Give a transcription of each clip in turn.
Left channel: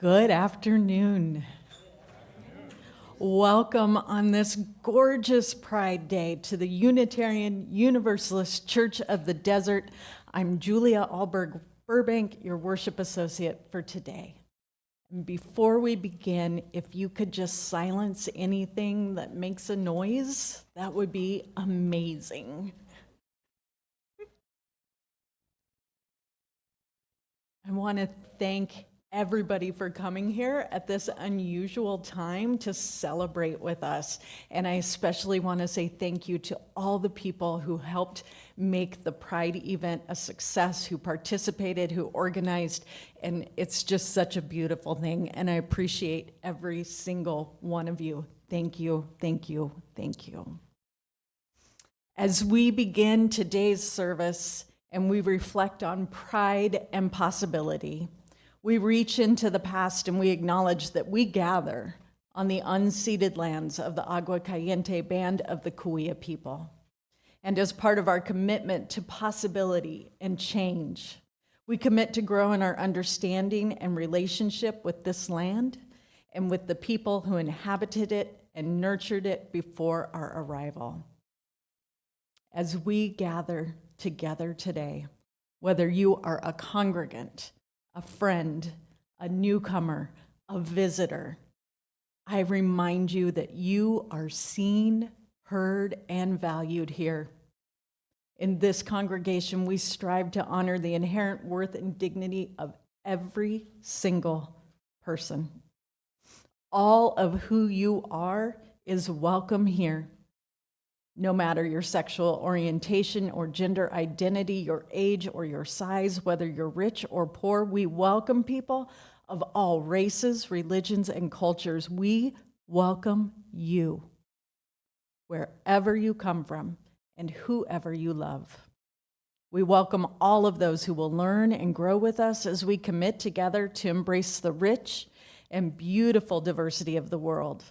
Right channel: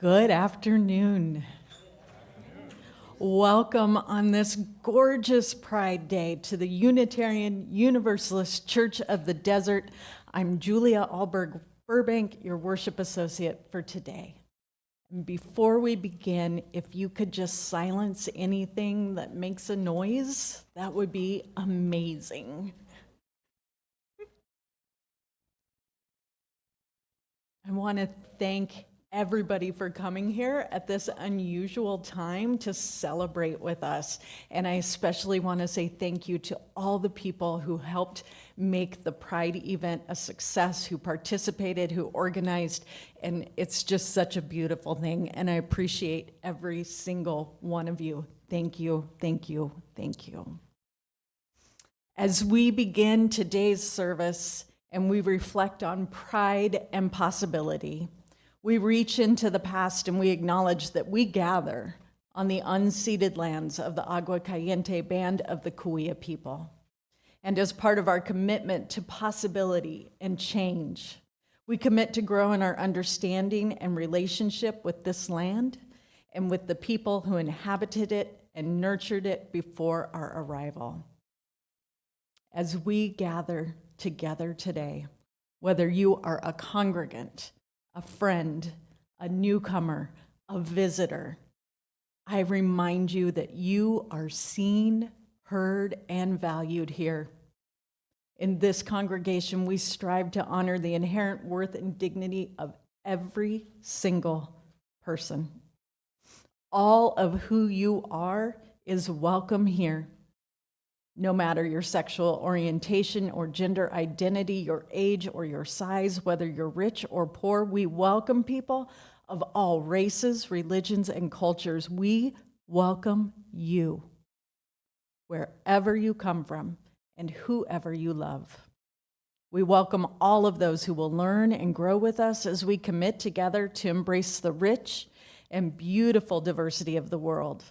Good afternoon. Welcome on this gorgeous Pride Day to the Unitarian Universalist Church of the Desert. I'm Julia Alberg-Burbank, your worship associate for today. And before we begin, if you could just silence anything that makes a noise, that would be amazing. I want to thank everybody for coming here at this unusual time to celebrate with us. And I especially want to say thank you to all the people who helped make the Pride event a success, who participated, who organized, and it's just such a beautiful thing. And I appreciate every single one of you. Thank you, thank you, thank you. As we begin today's service and we reflect on pride and possibility, we reach into the past and we acknowledge that we gather on the unceded lands of the Agua Caliente Band of the Cahuilla people. And as part of our commitment to possibility and change, we commit to grow in our understanding and relationship with this land and with the people who inhabited it and nurtured it before our arrival. As we gather together today, whether you are a congregant, a friend, a newcomer, a visitor, I remind you that you are seen, heard, and valued here. In this congregation, we strive to honor the inherent worth and dignity of every single person. All of who you are is welcome here. No matter your sexual orientation or gender identity, your age or your size, whether you're rich or poor, we welcome people of all races, religions, and cultures. We welcome you, wherever you come from and whoever you love. We welcome all of those who will learn and grow with us as we commit together to embrace the rich and beautiful diversity of the world.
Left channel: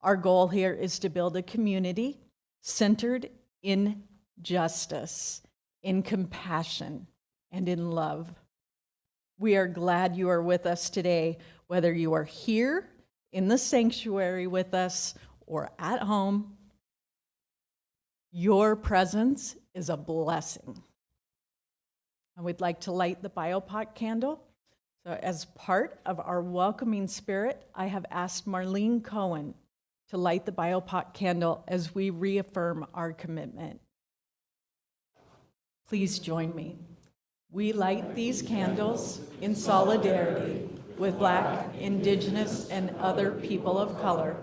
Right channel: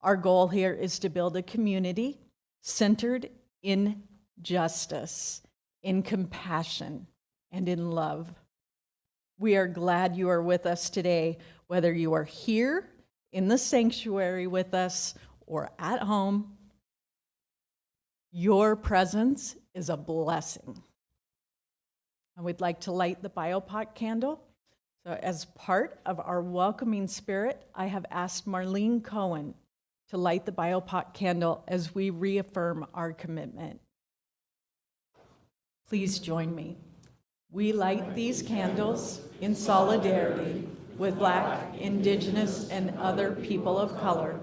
Our goal here is to build a community centered in justice, in compassion, and in love. We are glad you are with us today, whether you are here in the sanctuary with us or at home. Your presence is a blessing. And we'd like to light the biopot candle. So as part of our welcoming spirit, I have asked Marlene Cohen to light the biopot candle as we reaffirm our commitment. Please join me. We light these candles in solidarity with Black, Indigenous, and other people of color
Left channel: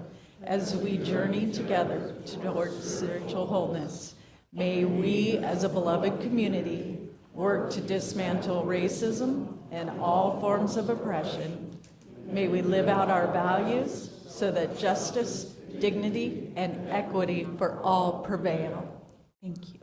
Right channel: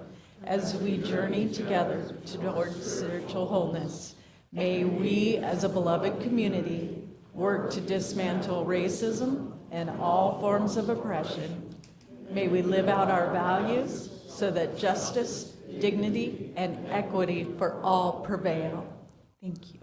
as we journey together toward spiritual wholeness. May we, as a beloved community, work to dismantle racism and all forms of oppression. May we live out our values so that justice, dignity, and equity for all prevail. Thank you.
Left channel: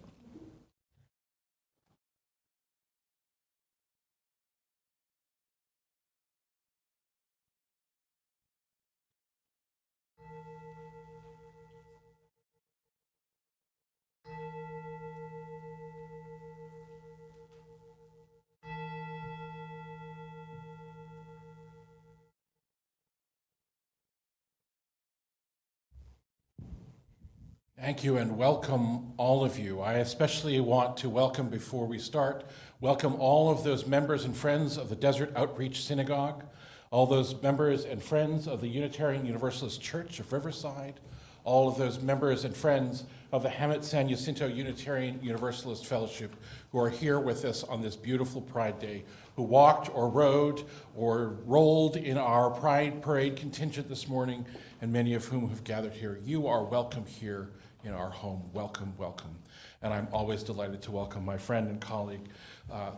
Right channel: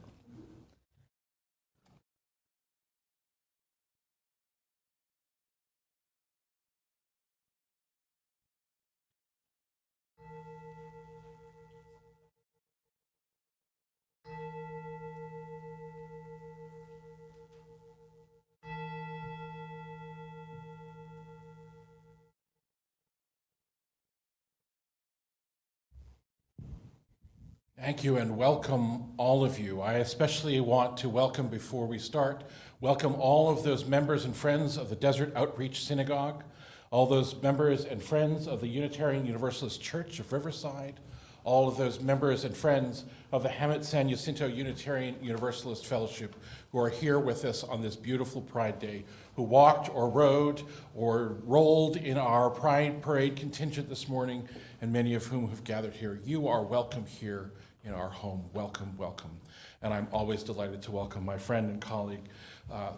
Thank you and welcome all of you. I especially want to welcome, before we start, welcome all of those members and friends of the Desert Outreach Synagogue, all those members and friends of the Unitarian Universalist Church of Riverside, all of those members and friends of the Hamet San Jacinto Unitarian Universalist Fellowship who are here with us on this beautiful Pride Day, who walked or rode or rolled in our Pride Parade contingent this morning, and many of whom have gathered here. You are welcome here in our home. Welcome, welcome. And I'm always delighted to welcome my friend and colleague, I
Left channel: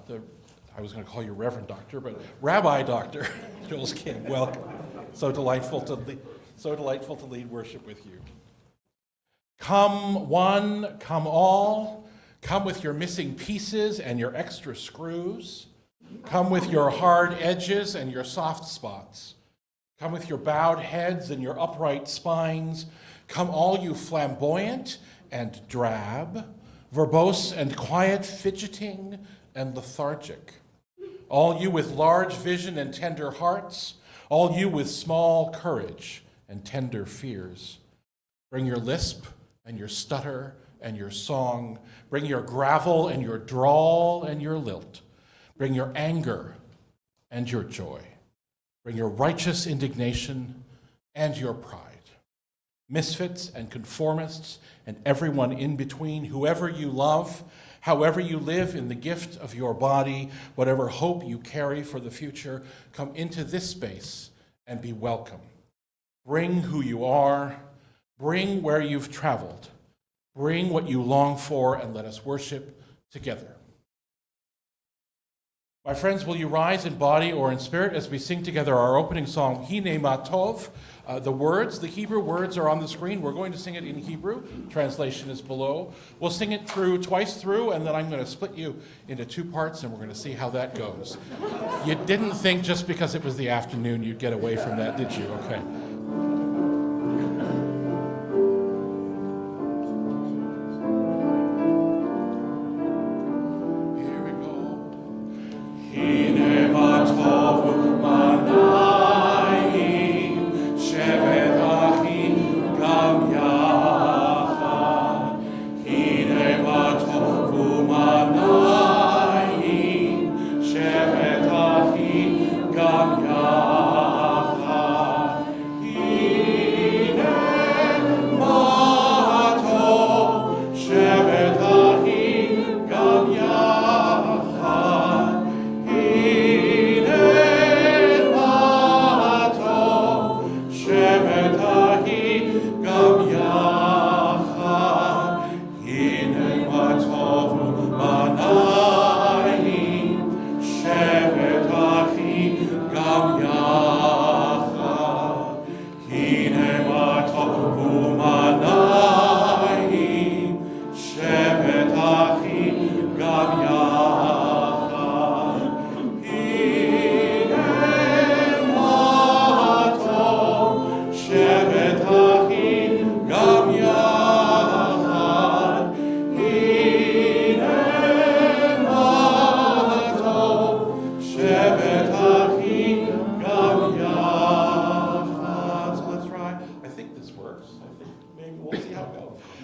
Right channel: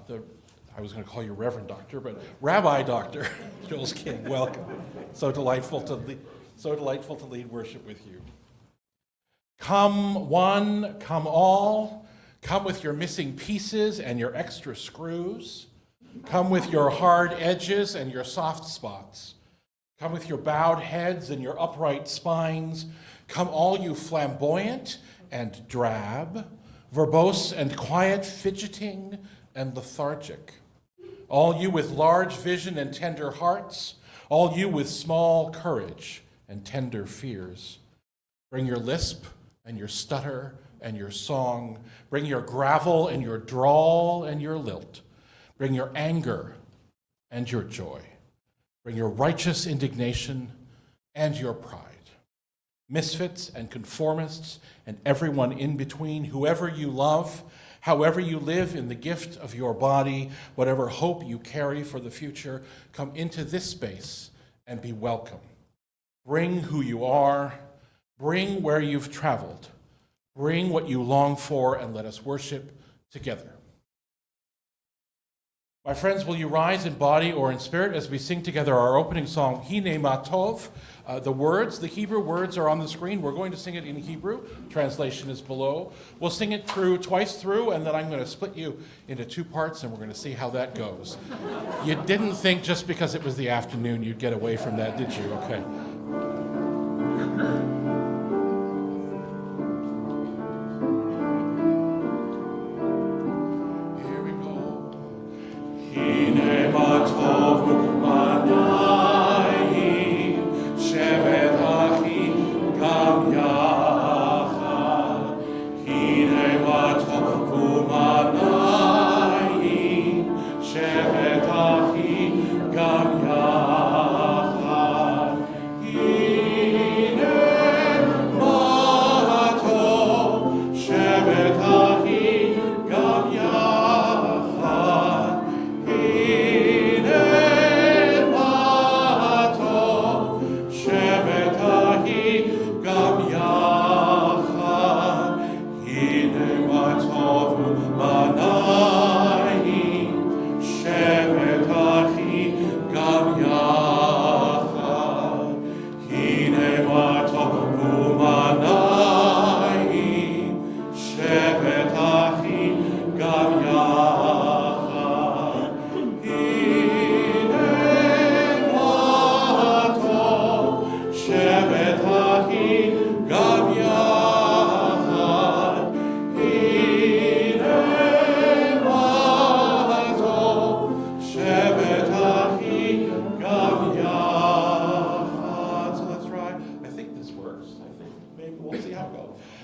was going to call you Reverend Doctor, but Rabbi Doctor Jules King. Welcome. So delightful to lead worship with you. Come one, come all. Come with your missing pieces and your extra screws. Come with your hard edges and your soft spots. Come with your bowed heads and your upright spines. Come all you flamboyant and drab, verbose and quiet, fidgeting and lethargic. All you with large vision and tender hearts, all you with small courage and tender fears. Bring your lisp and your stutter and your song. Bring your gravel and your drawl and your lilt. Bring your anger and your joy. Bring your righteous indignation and your pride. Misfits and conformists and everyone in between, whoever you love, however you live in the gift of your body, whatever hope you carry for the future, come into this space and be welcome. Bring who you are, bring where you've traveled, bring what you long for, and let us worship together. My friends, will you rise in body or in spirit as we sing together our opening song, Hine Ma Tov? The Hebrew words are on the screen. We're going to sing it in Hebrew. Translation is below. We'll sing it twice through, and then I'm going to split you into two parts, and we're going to see how that goes. You didn't think just because it was the afternoon you'd get away from that, did you? Okay.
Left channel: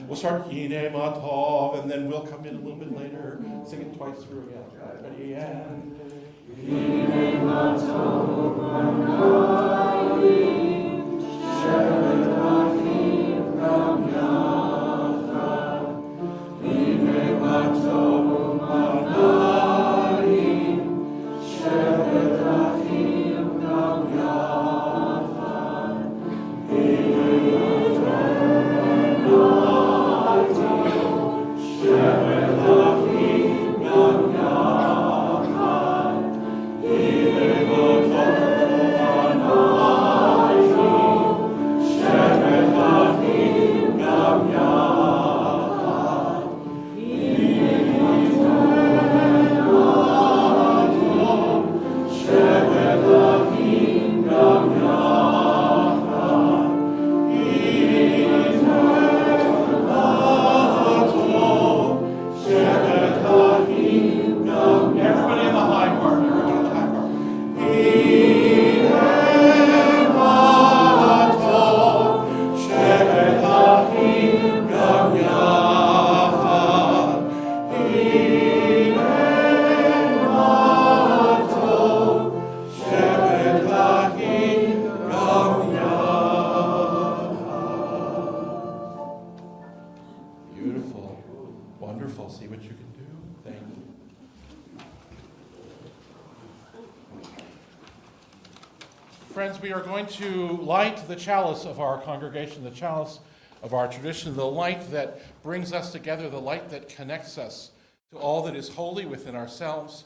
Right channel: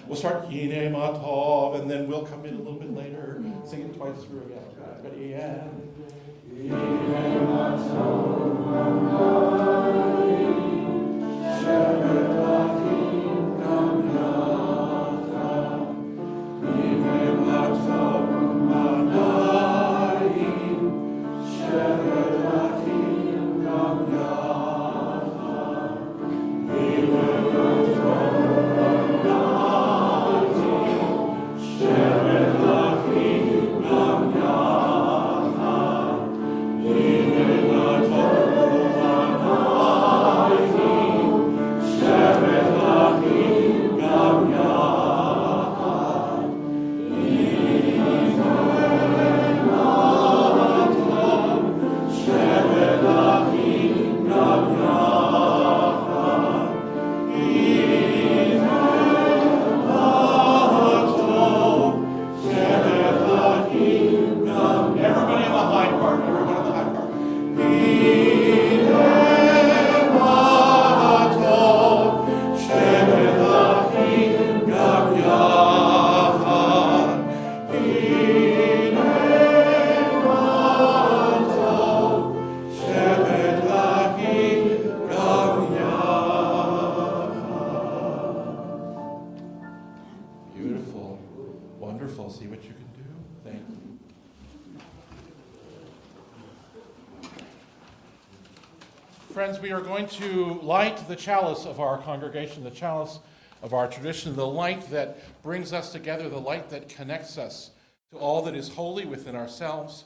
We'll start Hine Ma Tov, and then we'll come in a little bit later, sing it twice through again. Ready? And Hine Ma Tov, Shevet Achim Gam Yachad. Hine Ma Tov, Shevet Achim Gam Yachad. Hine Ma See what you can do. Thank you. Friends, we are going to light the chalice of our congregation, the chalice of our tradition, the light that brings us together, the light that connects us to all that is holy within ourselves,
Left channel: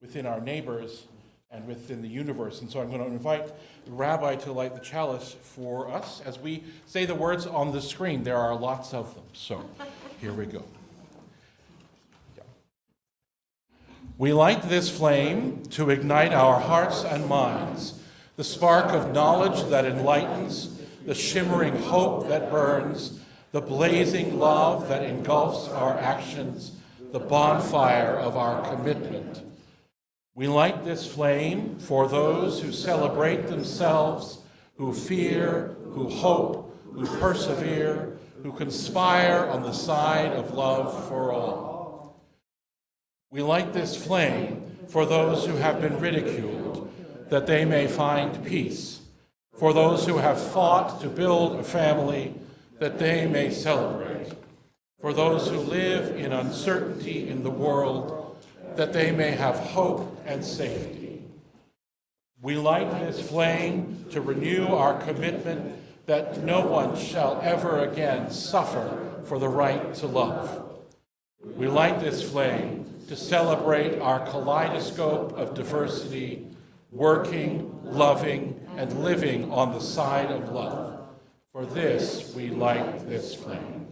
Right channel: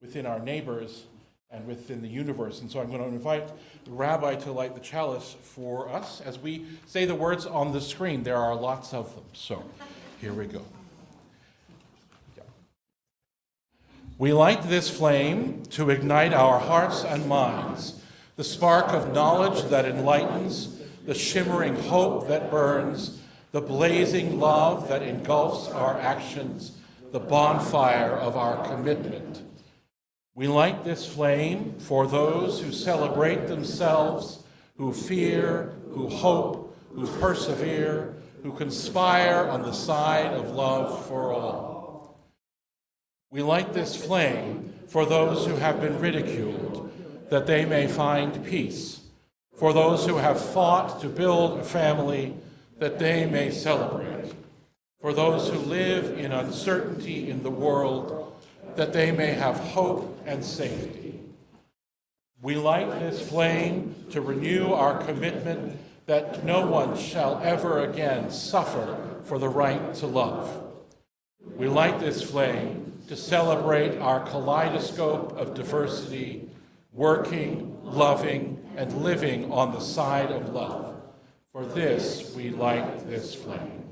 within our neighbors, and within the universe. And so I'm going to invite the Rabbi to light the chalice for us. As we say the words on the screen, there are lots of them. So here we go. We light this flame to ignite our hearts and minds, the spark of knowledge that enlightens, the shimmering hope that burns, the blazing love that engulfs our actions, the bonfire of our commitment. We light this flame for those who celebrate themselves, who fear, who hope, who persevere, who conspire on the side of love for all. We light this flame for those who have been ridiculed, that they may find peace, for those who have fought to build a family, that they may celebrate, for those who live in uncertainty in the world, that they may have hope and safety. We light this flame to renew our commitment that no one shall ever again suffer for the right to love. We light this flame to celebrate our kaleidoscope of diversity, working, loving, and living on the side of love. For this, we light this flame.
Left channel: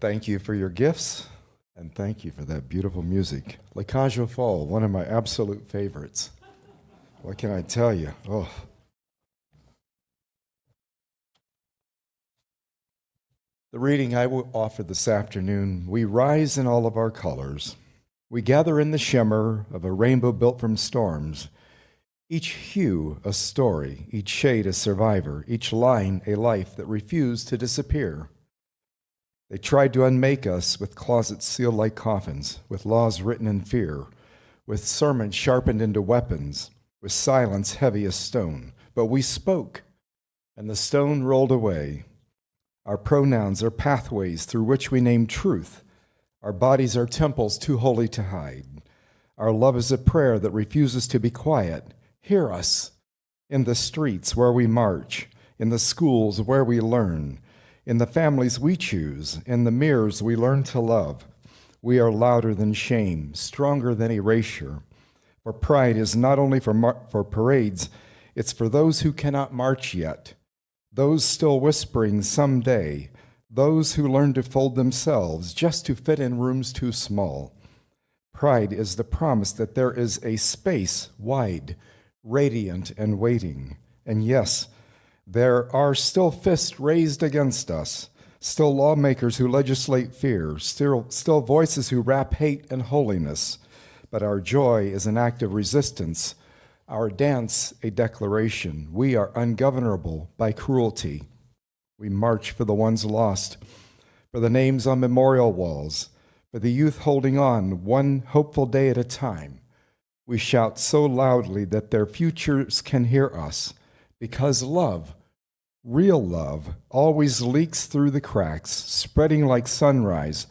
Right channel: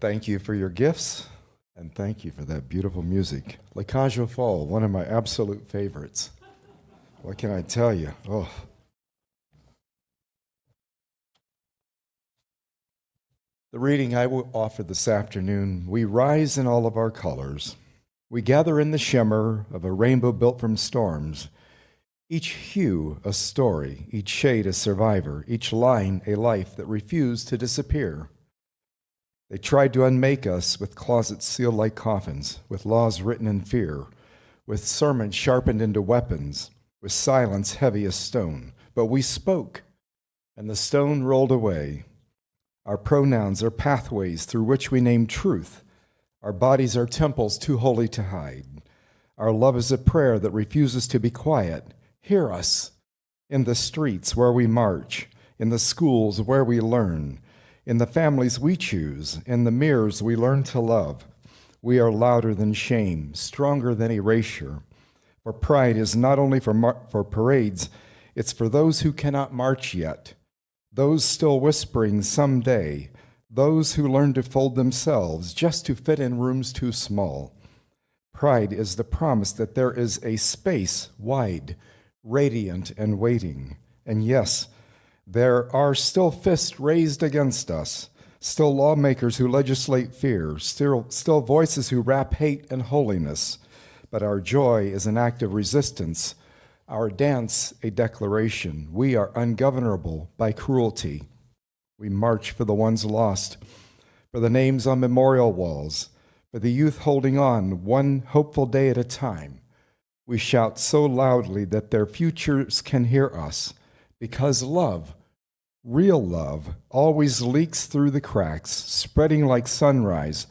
Thank you for your gifts, and thank you for that beautiful music. La Cage aux Folles, one of my absolute favorites. What can I tell you? Oh. The reading I will offer this afternoon, we rise in all of our colors. We gather in the shimmer of a rainbow built from storms. Each hue a story, each shade a survivor, each line a life that refused to disappear. They tried to unmake us with closets sealed like coffins, with laws written in fear, with sermons sharpened into weapons, with silence heavy as stone. But we spoke, and the stone rolled away. Our pronouns are pathways through which we name truth. Our bodies are temples too holy to hide. Our love is a prayer that refuses to be quiet. Hear us in the streets where we march, in the schools where we learn, in the families we choose, in the mirrors we learn to love. We are louder than shame, stronger than erasure. For pride is not only for parades, it's for those who cannot march yet, those still whispering someday, those who learn to fold themselves just to fit in rooms too small. Pride is the promise that there is a space wide, radiant, and waiting. And yes, there are still fists raised against us, still lawmakers who legislate fear, still voices who wrap hate and holiness. But our joy is an act of resistance, our dance a declaration. We are ungovernable by cruelty. We march for the ones lost, for the names on memorial walls, for the youth holding on one hopeful day at a time. We shout so loudly that their futures can hear us, because love, real love, always leaks through the cracks, spreading like sunrise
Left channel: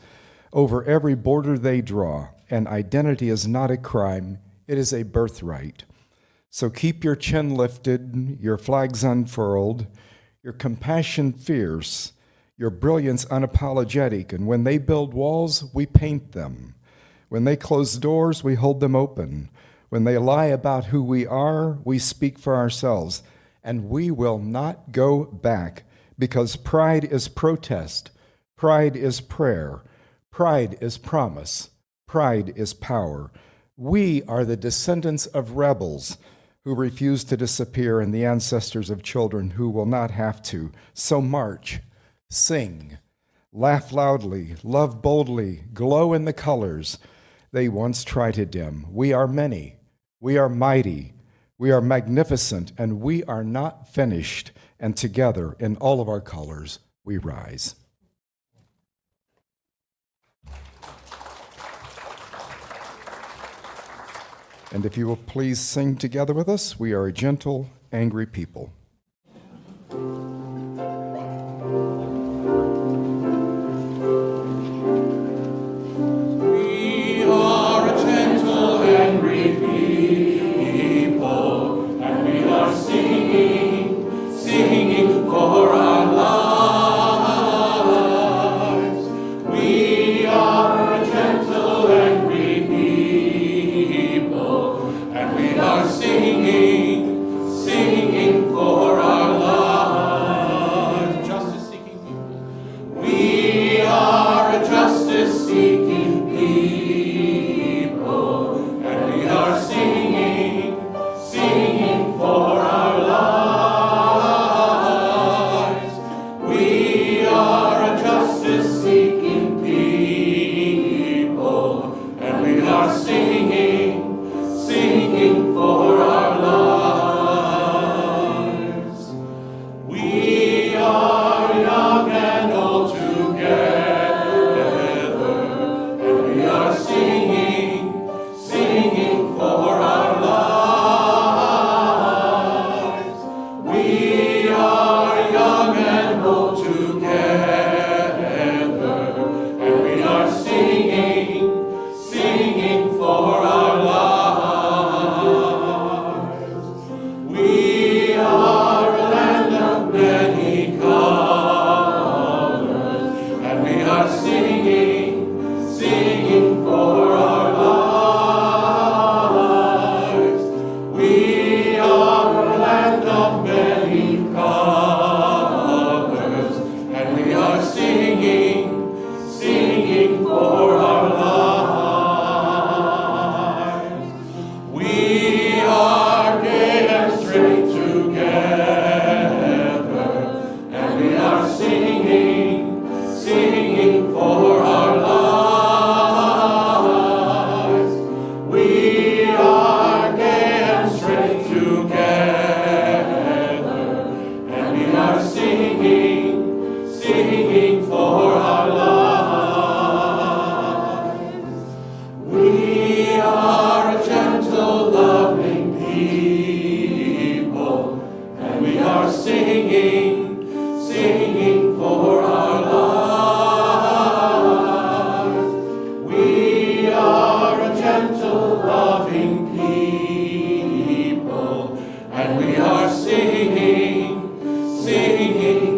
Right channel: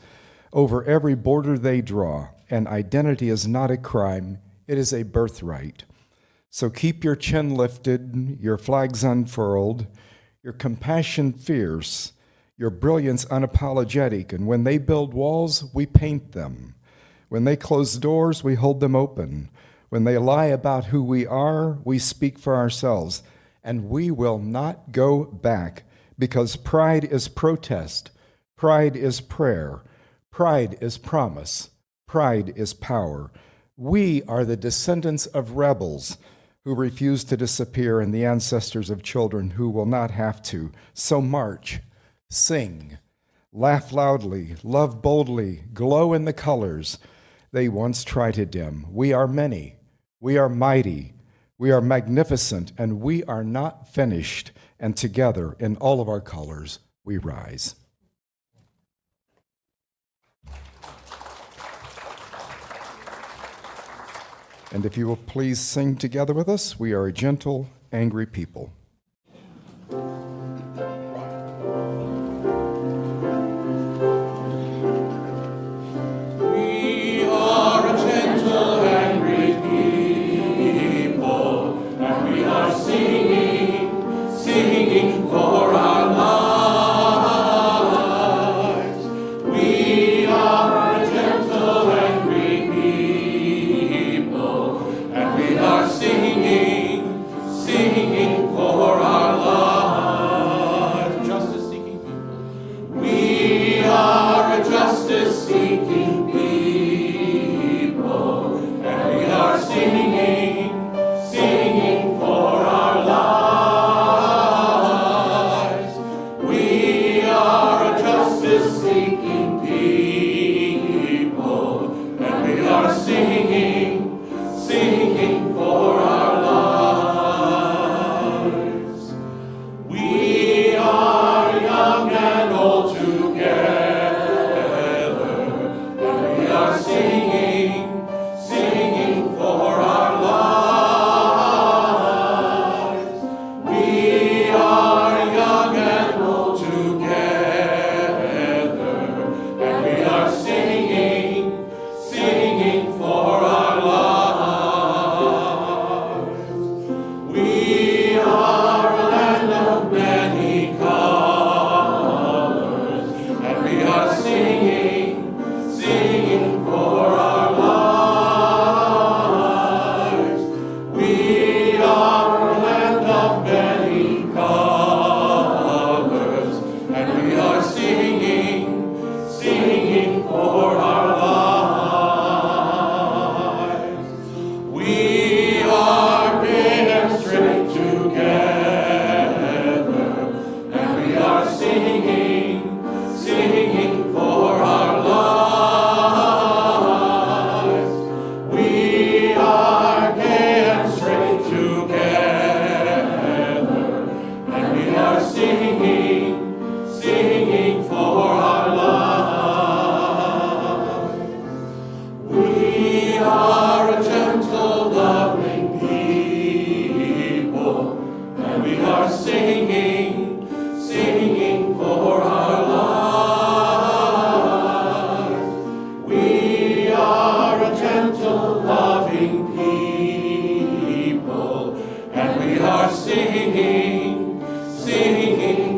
over every border they draw. And identity is not a crime, it is a birthright. So keep your chin lifted, your flags unfurled, your compassion fierce, your brilliance unapologetic. And when they build walls, we paint them. When they close doors, we hold them open. When they lie about who we are, we speak for ourselves. And we will not go back, because pride is protest, pride is prayer, pride is promise, pride is power. We are the descendants of rebels who refuse to disappear and the ancestors of children who will not have to. So march, sing, laugh loudly, love boldly, glow in the colors they once tried to dim. We are many, we are mighty, we are magnificent, and we are not finished. And together, in all of our colors, we rise. And if you will please sing together with us, we are a gentle, angry people. We are a gentle, angry people, and we are singing for our lives. We are a gentle, angry people, and we are singing for our lives. Justice-seeking people. We are a justice-seeking people, and we are singing for our lives. We are a justice-seeking people, We are gay and straight together, and we are singing for our lives. We are gay and straight together, and we are singing for our lives. We are a gentle, loving people, and we are singing for our lives. We are a gentle, loving people, and we are singing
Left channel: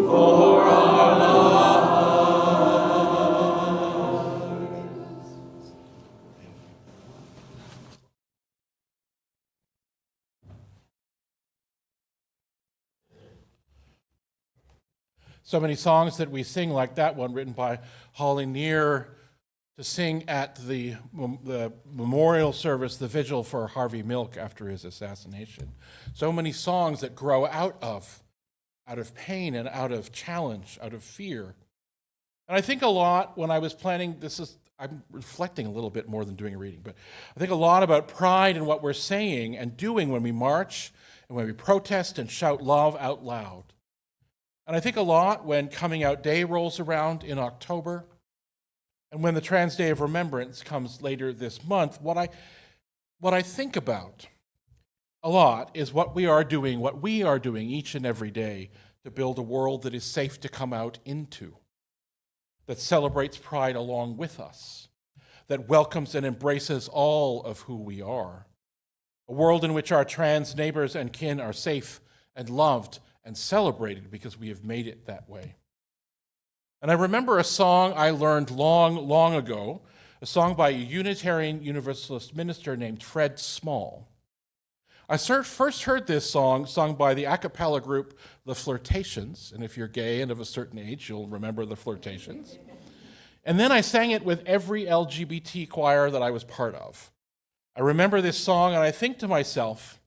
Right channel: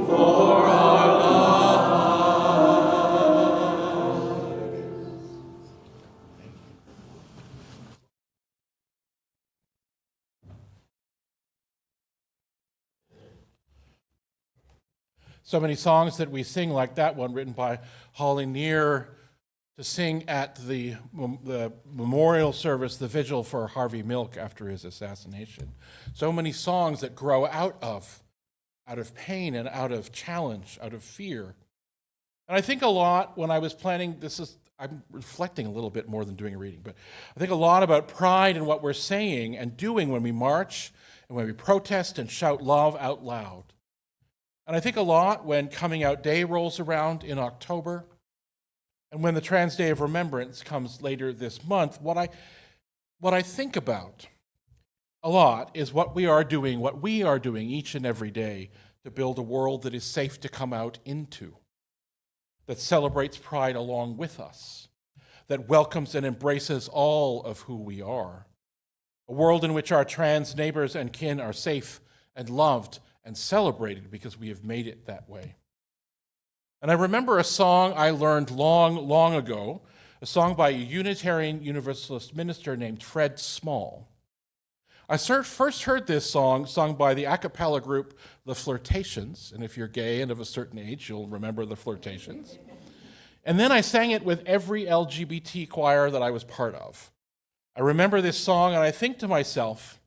for our lives. So many songs that we sing, like that one written by Holly Near, to sing at the memorial service, the vigil for Harvey Milk after his assassination. So many songs that grow out of pain and out of challenge, out of fear. And I think a lot when I was planning, I'm reflecting a little bit more than doing a reading, but I think a lot about pride in what we're saying and doing when we march and when we protest and shout love out loud. And I think a lot when Coming Out Day rolls around in October, and when the Trans Day of Remembrance comes later this month, what I think about a lot is what we are doing each and every day to build a world that is safe to come out into, that celebrates pride along with us, that welcomes and embraces all of who we are, a world in which our trans neighbors and kin are safe and loved and celebrated because we have made it that way. And I remember a song I learned long, long ago, a song by a Unitarian Universalist minister named Fred Small. I first heard this song sung by the a cappella group The Flirtations, and if you're gay and of a certain age, you'll remember The Flirtations. And then I sang it with every LGBT choir that I was part of. I remember this song and I think to myself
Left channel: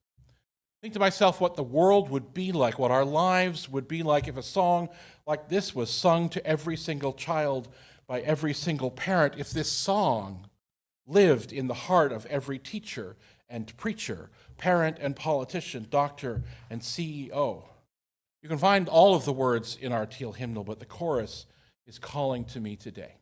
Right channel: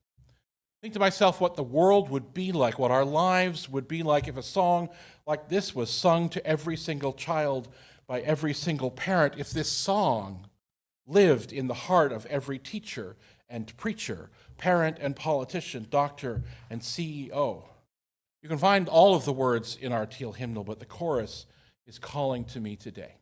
what the world would be like, what our lives would be like if a song like this was sung to every single child by every single parent, if this song lived in the heart of every teacher and preacher, parent and politician, doctor and CEO. You can find all of the words in our Teal hymnal, but the chorus is calling to me today.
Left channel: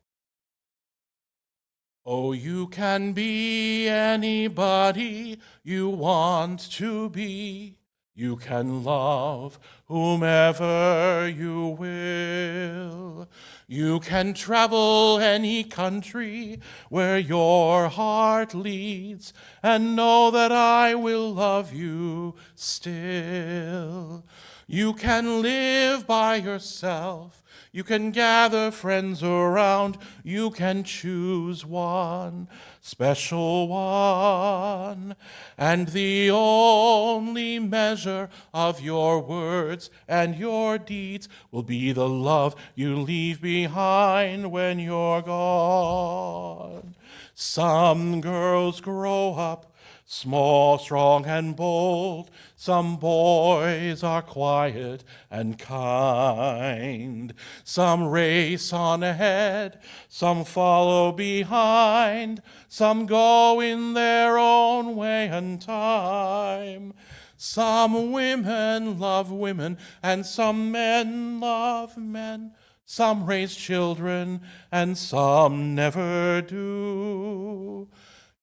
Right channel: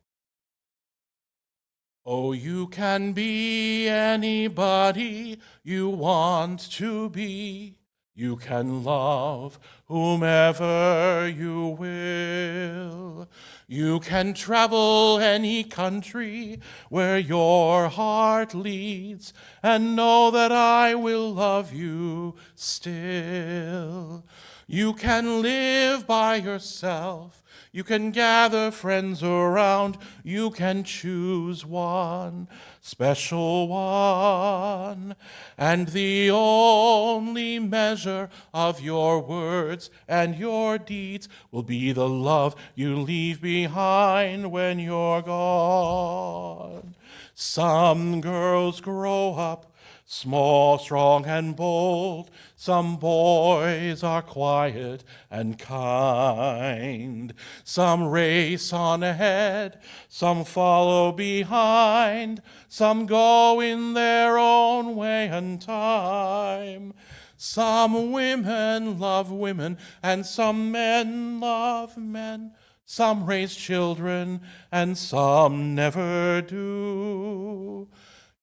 Oh, you can be anybody you want to be. You can love whomever you will. You can travel any country where your heart leads, and know that I will love you still. You can live by yourself. You can gather friends around. You can choose one, special one. And the only measure of your words and your deeds will be the love you leave behind when you're gone. Some girls grow up small, strong, and bold. Some boys are quiet and kind. Some race on ahead, some follow behind. Some go in their own way and time. Some women love women, and some men love men. Some raise children, and some never do.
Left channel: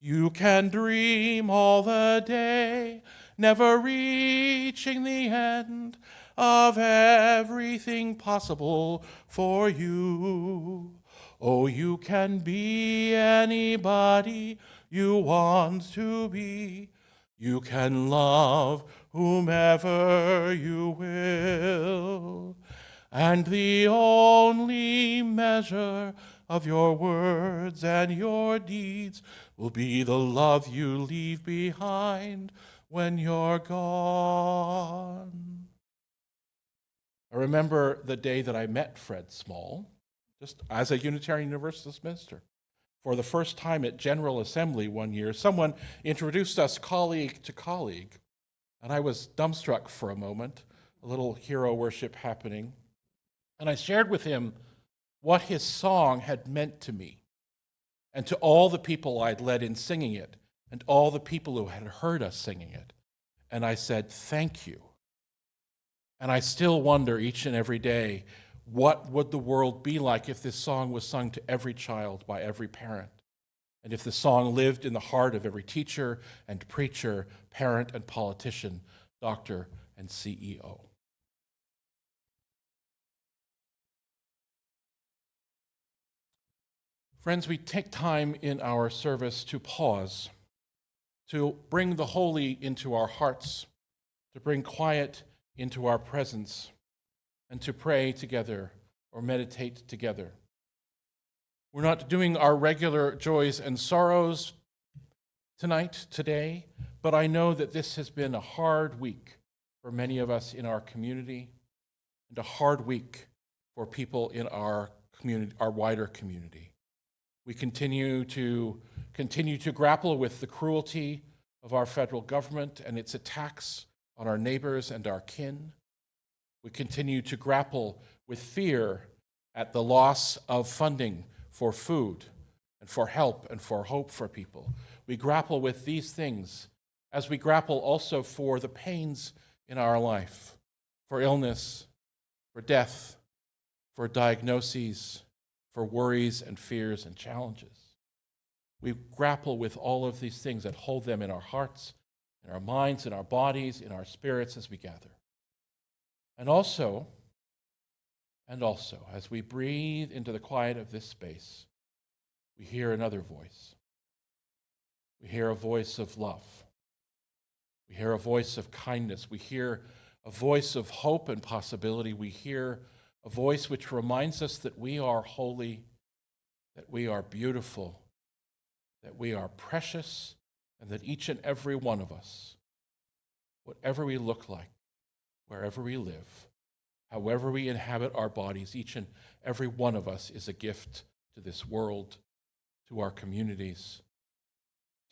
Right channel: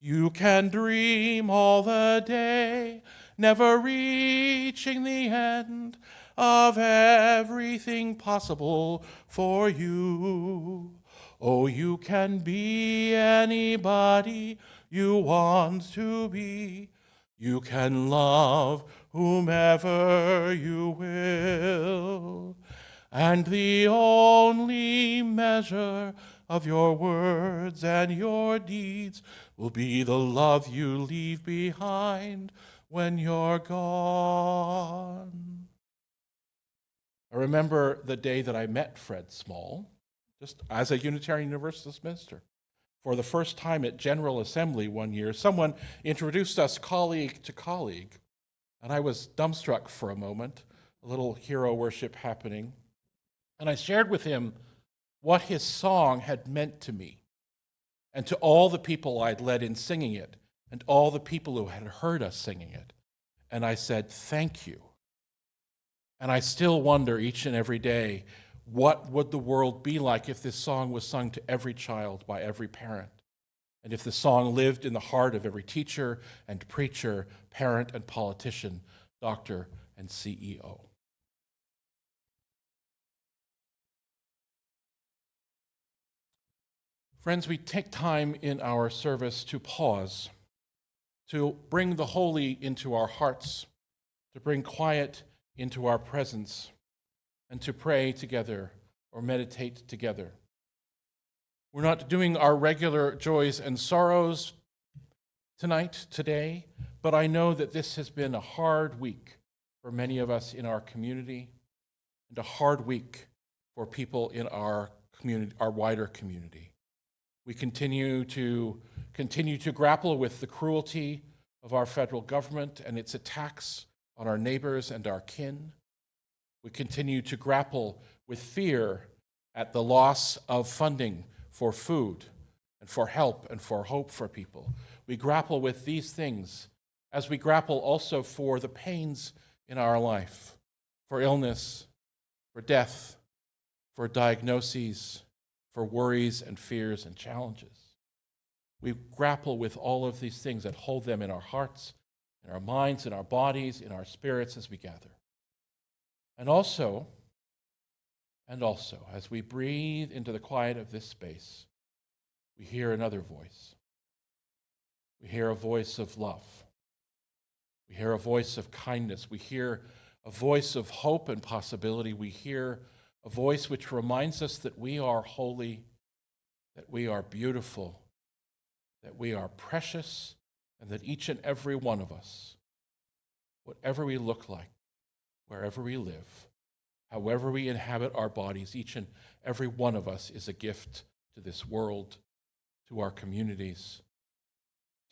You can dream all the day, never reaching the end of everything possible for you. Oh, you can be anybody you want to be. You can love whomever you will. And the only measure of your words and your deeds will be the love you leave behind when you're gone. I remember the day that I met Fred Small, just as a Unitarian Universalist minister. For the first time at General Assembly one year, someone introduced us colleague to colleague, and I was dumbstruck for a moment, a little hero worship happening. And I shared with him what his song had meant to me and to all the people I'd led in singing it and all the people who had heard us singing it. And I said, thank you. And I still wonder each and every day, what would the world be like if this song was sung to every child by every parent? And if the song lived in the heart of every teacher and preacher, parent and politician, doctor and CEO? Friends, we take time in our service to pause, to bring the holy into our hearts, to bring quiet into our presence, and to pray together or meditate together. We're not doing our regular joys and sorrows today, but I know that this has been a hard week for many of us in our community and a hard week for people in our community, our wider community. We continue to grapple with the cruelty of our federal government and its attacks on our neighbors and our kin. We continue to grapple with fear at the loss of funding for food and for help and for hope for people. We grapple with these things as we grapple also for the pains in our life, for illness, for death, for diagnoses, for worries and fears and challenges. We grapple with all of these things and hold them in our hearts, in our minds, in our bodies, in our spirits as we gather. And also, as we breathe into the quiet of this space, we hear another voice. We hear a voice of love. We hear a voice of kindness. We hear a voice of hope and possibility. We hear a voice which reminds us that we are holy, that we are beautiful, that we are precious, and that each and every one of us, whatever we look like, wherever we live, however we inhabit our bodies, each and every one of us is a gift to this world, to our communities,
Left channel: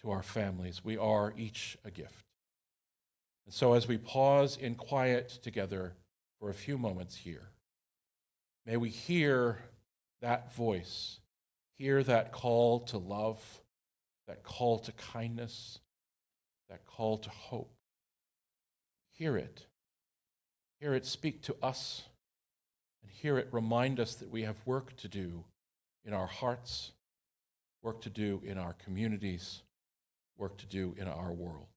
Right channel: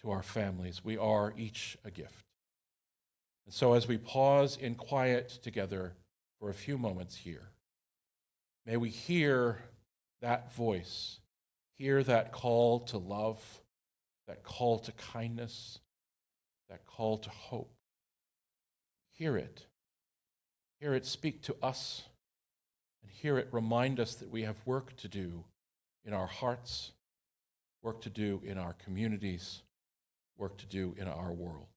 to our families. We are each a gift. And so as we pause in quiet together for a few moments here, may we hear that voice, hear that call to love, that call to kindness, that call to hope. Hear it. Hear it speak to us, and hear it remind us that we have work to do in our hearts, work to do in our communities, work to do in our world.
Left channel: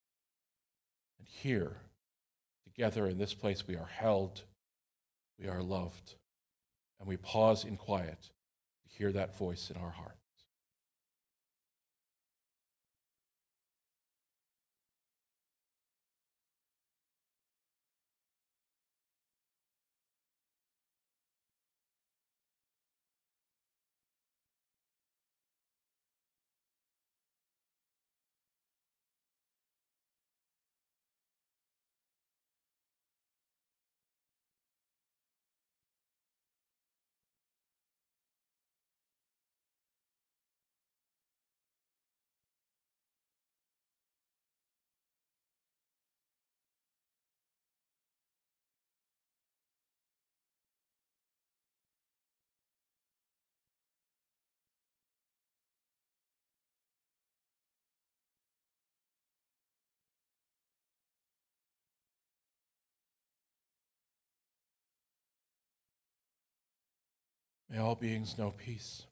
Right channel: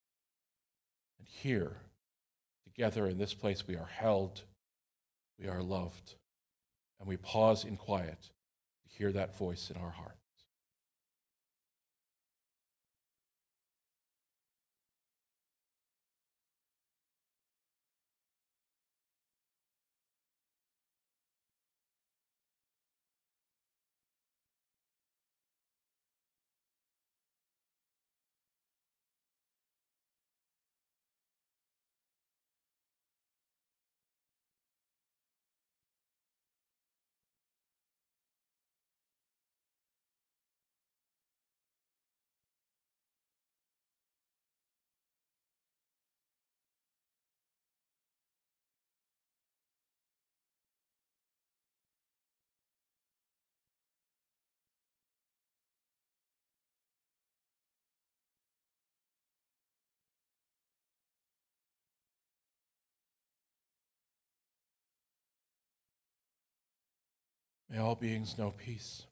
And here, together in this place, we are held, we are loved, and we pause in quiet to hear that voice in our heart. May all beings know peace.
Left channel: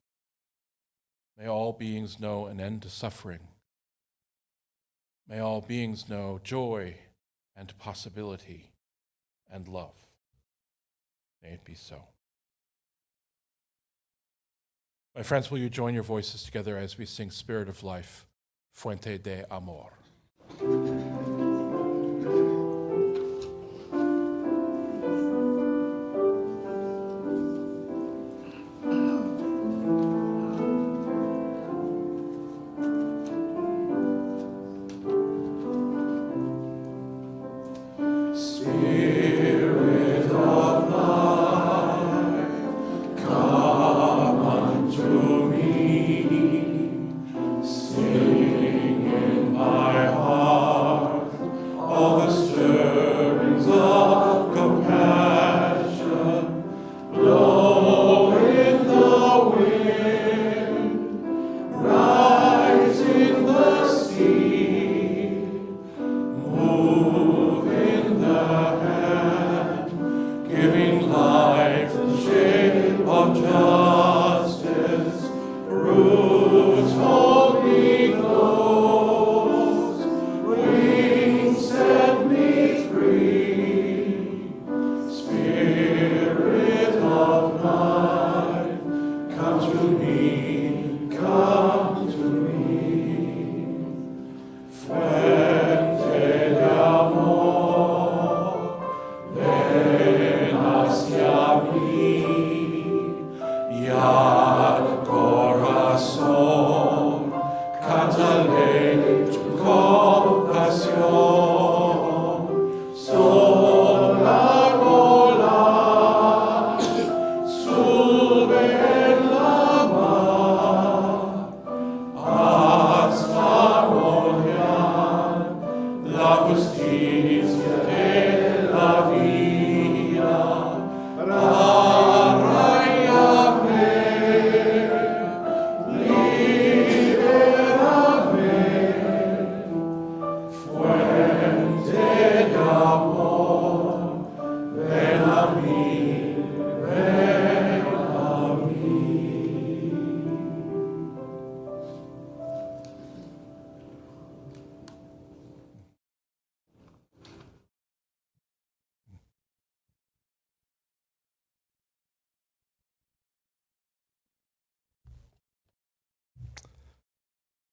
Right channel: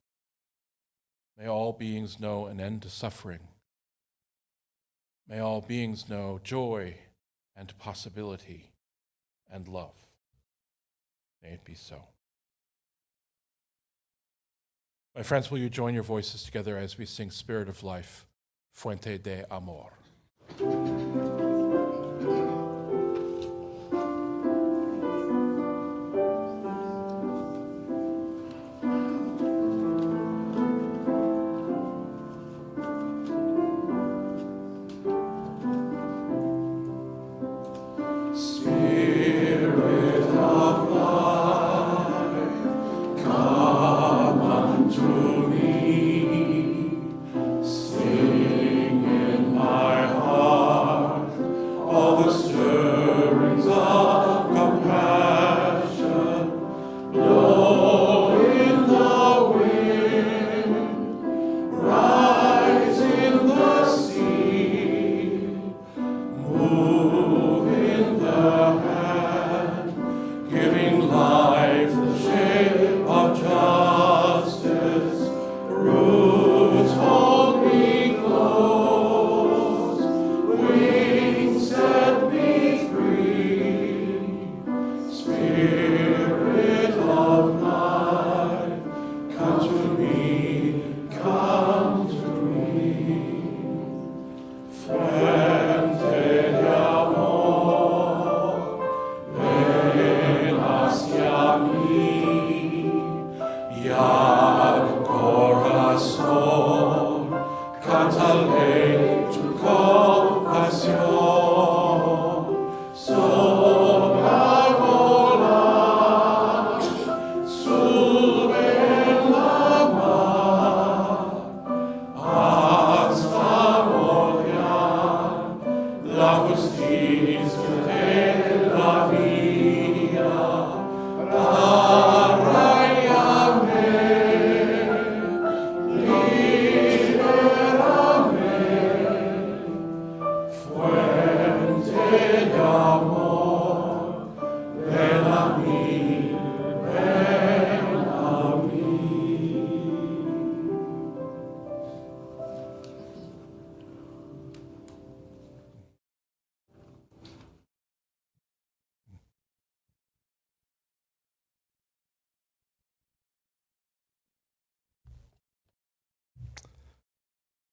May all beings know an end to suffering. May all beings know joy and possibility and love. May it be so. My friends, will you join your voices together as we sing Spirit of Life, Fuente de Amor. To me.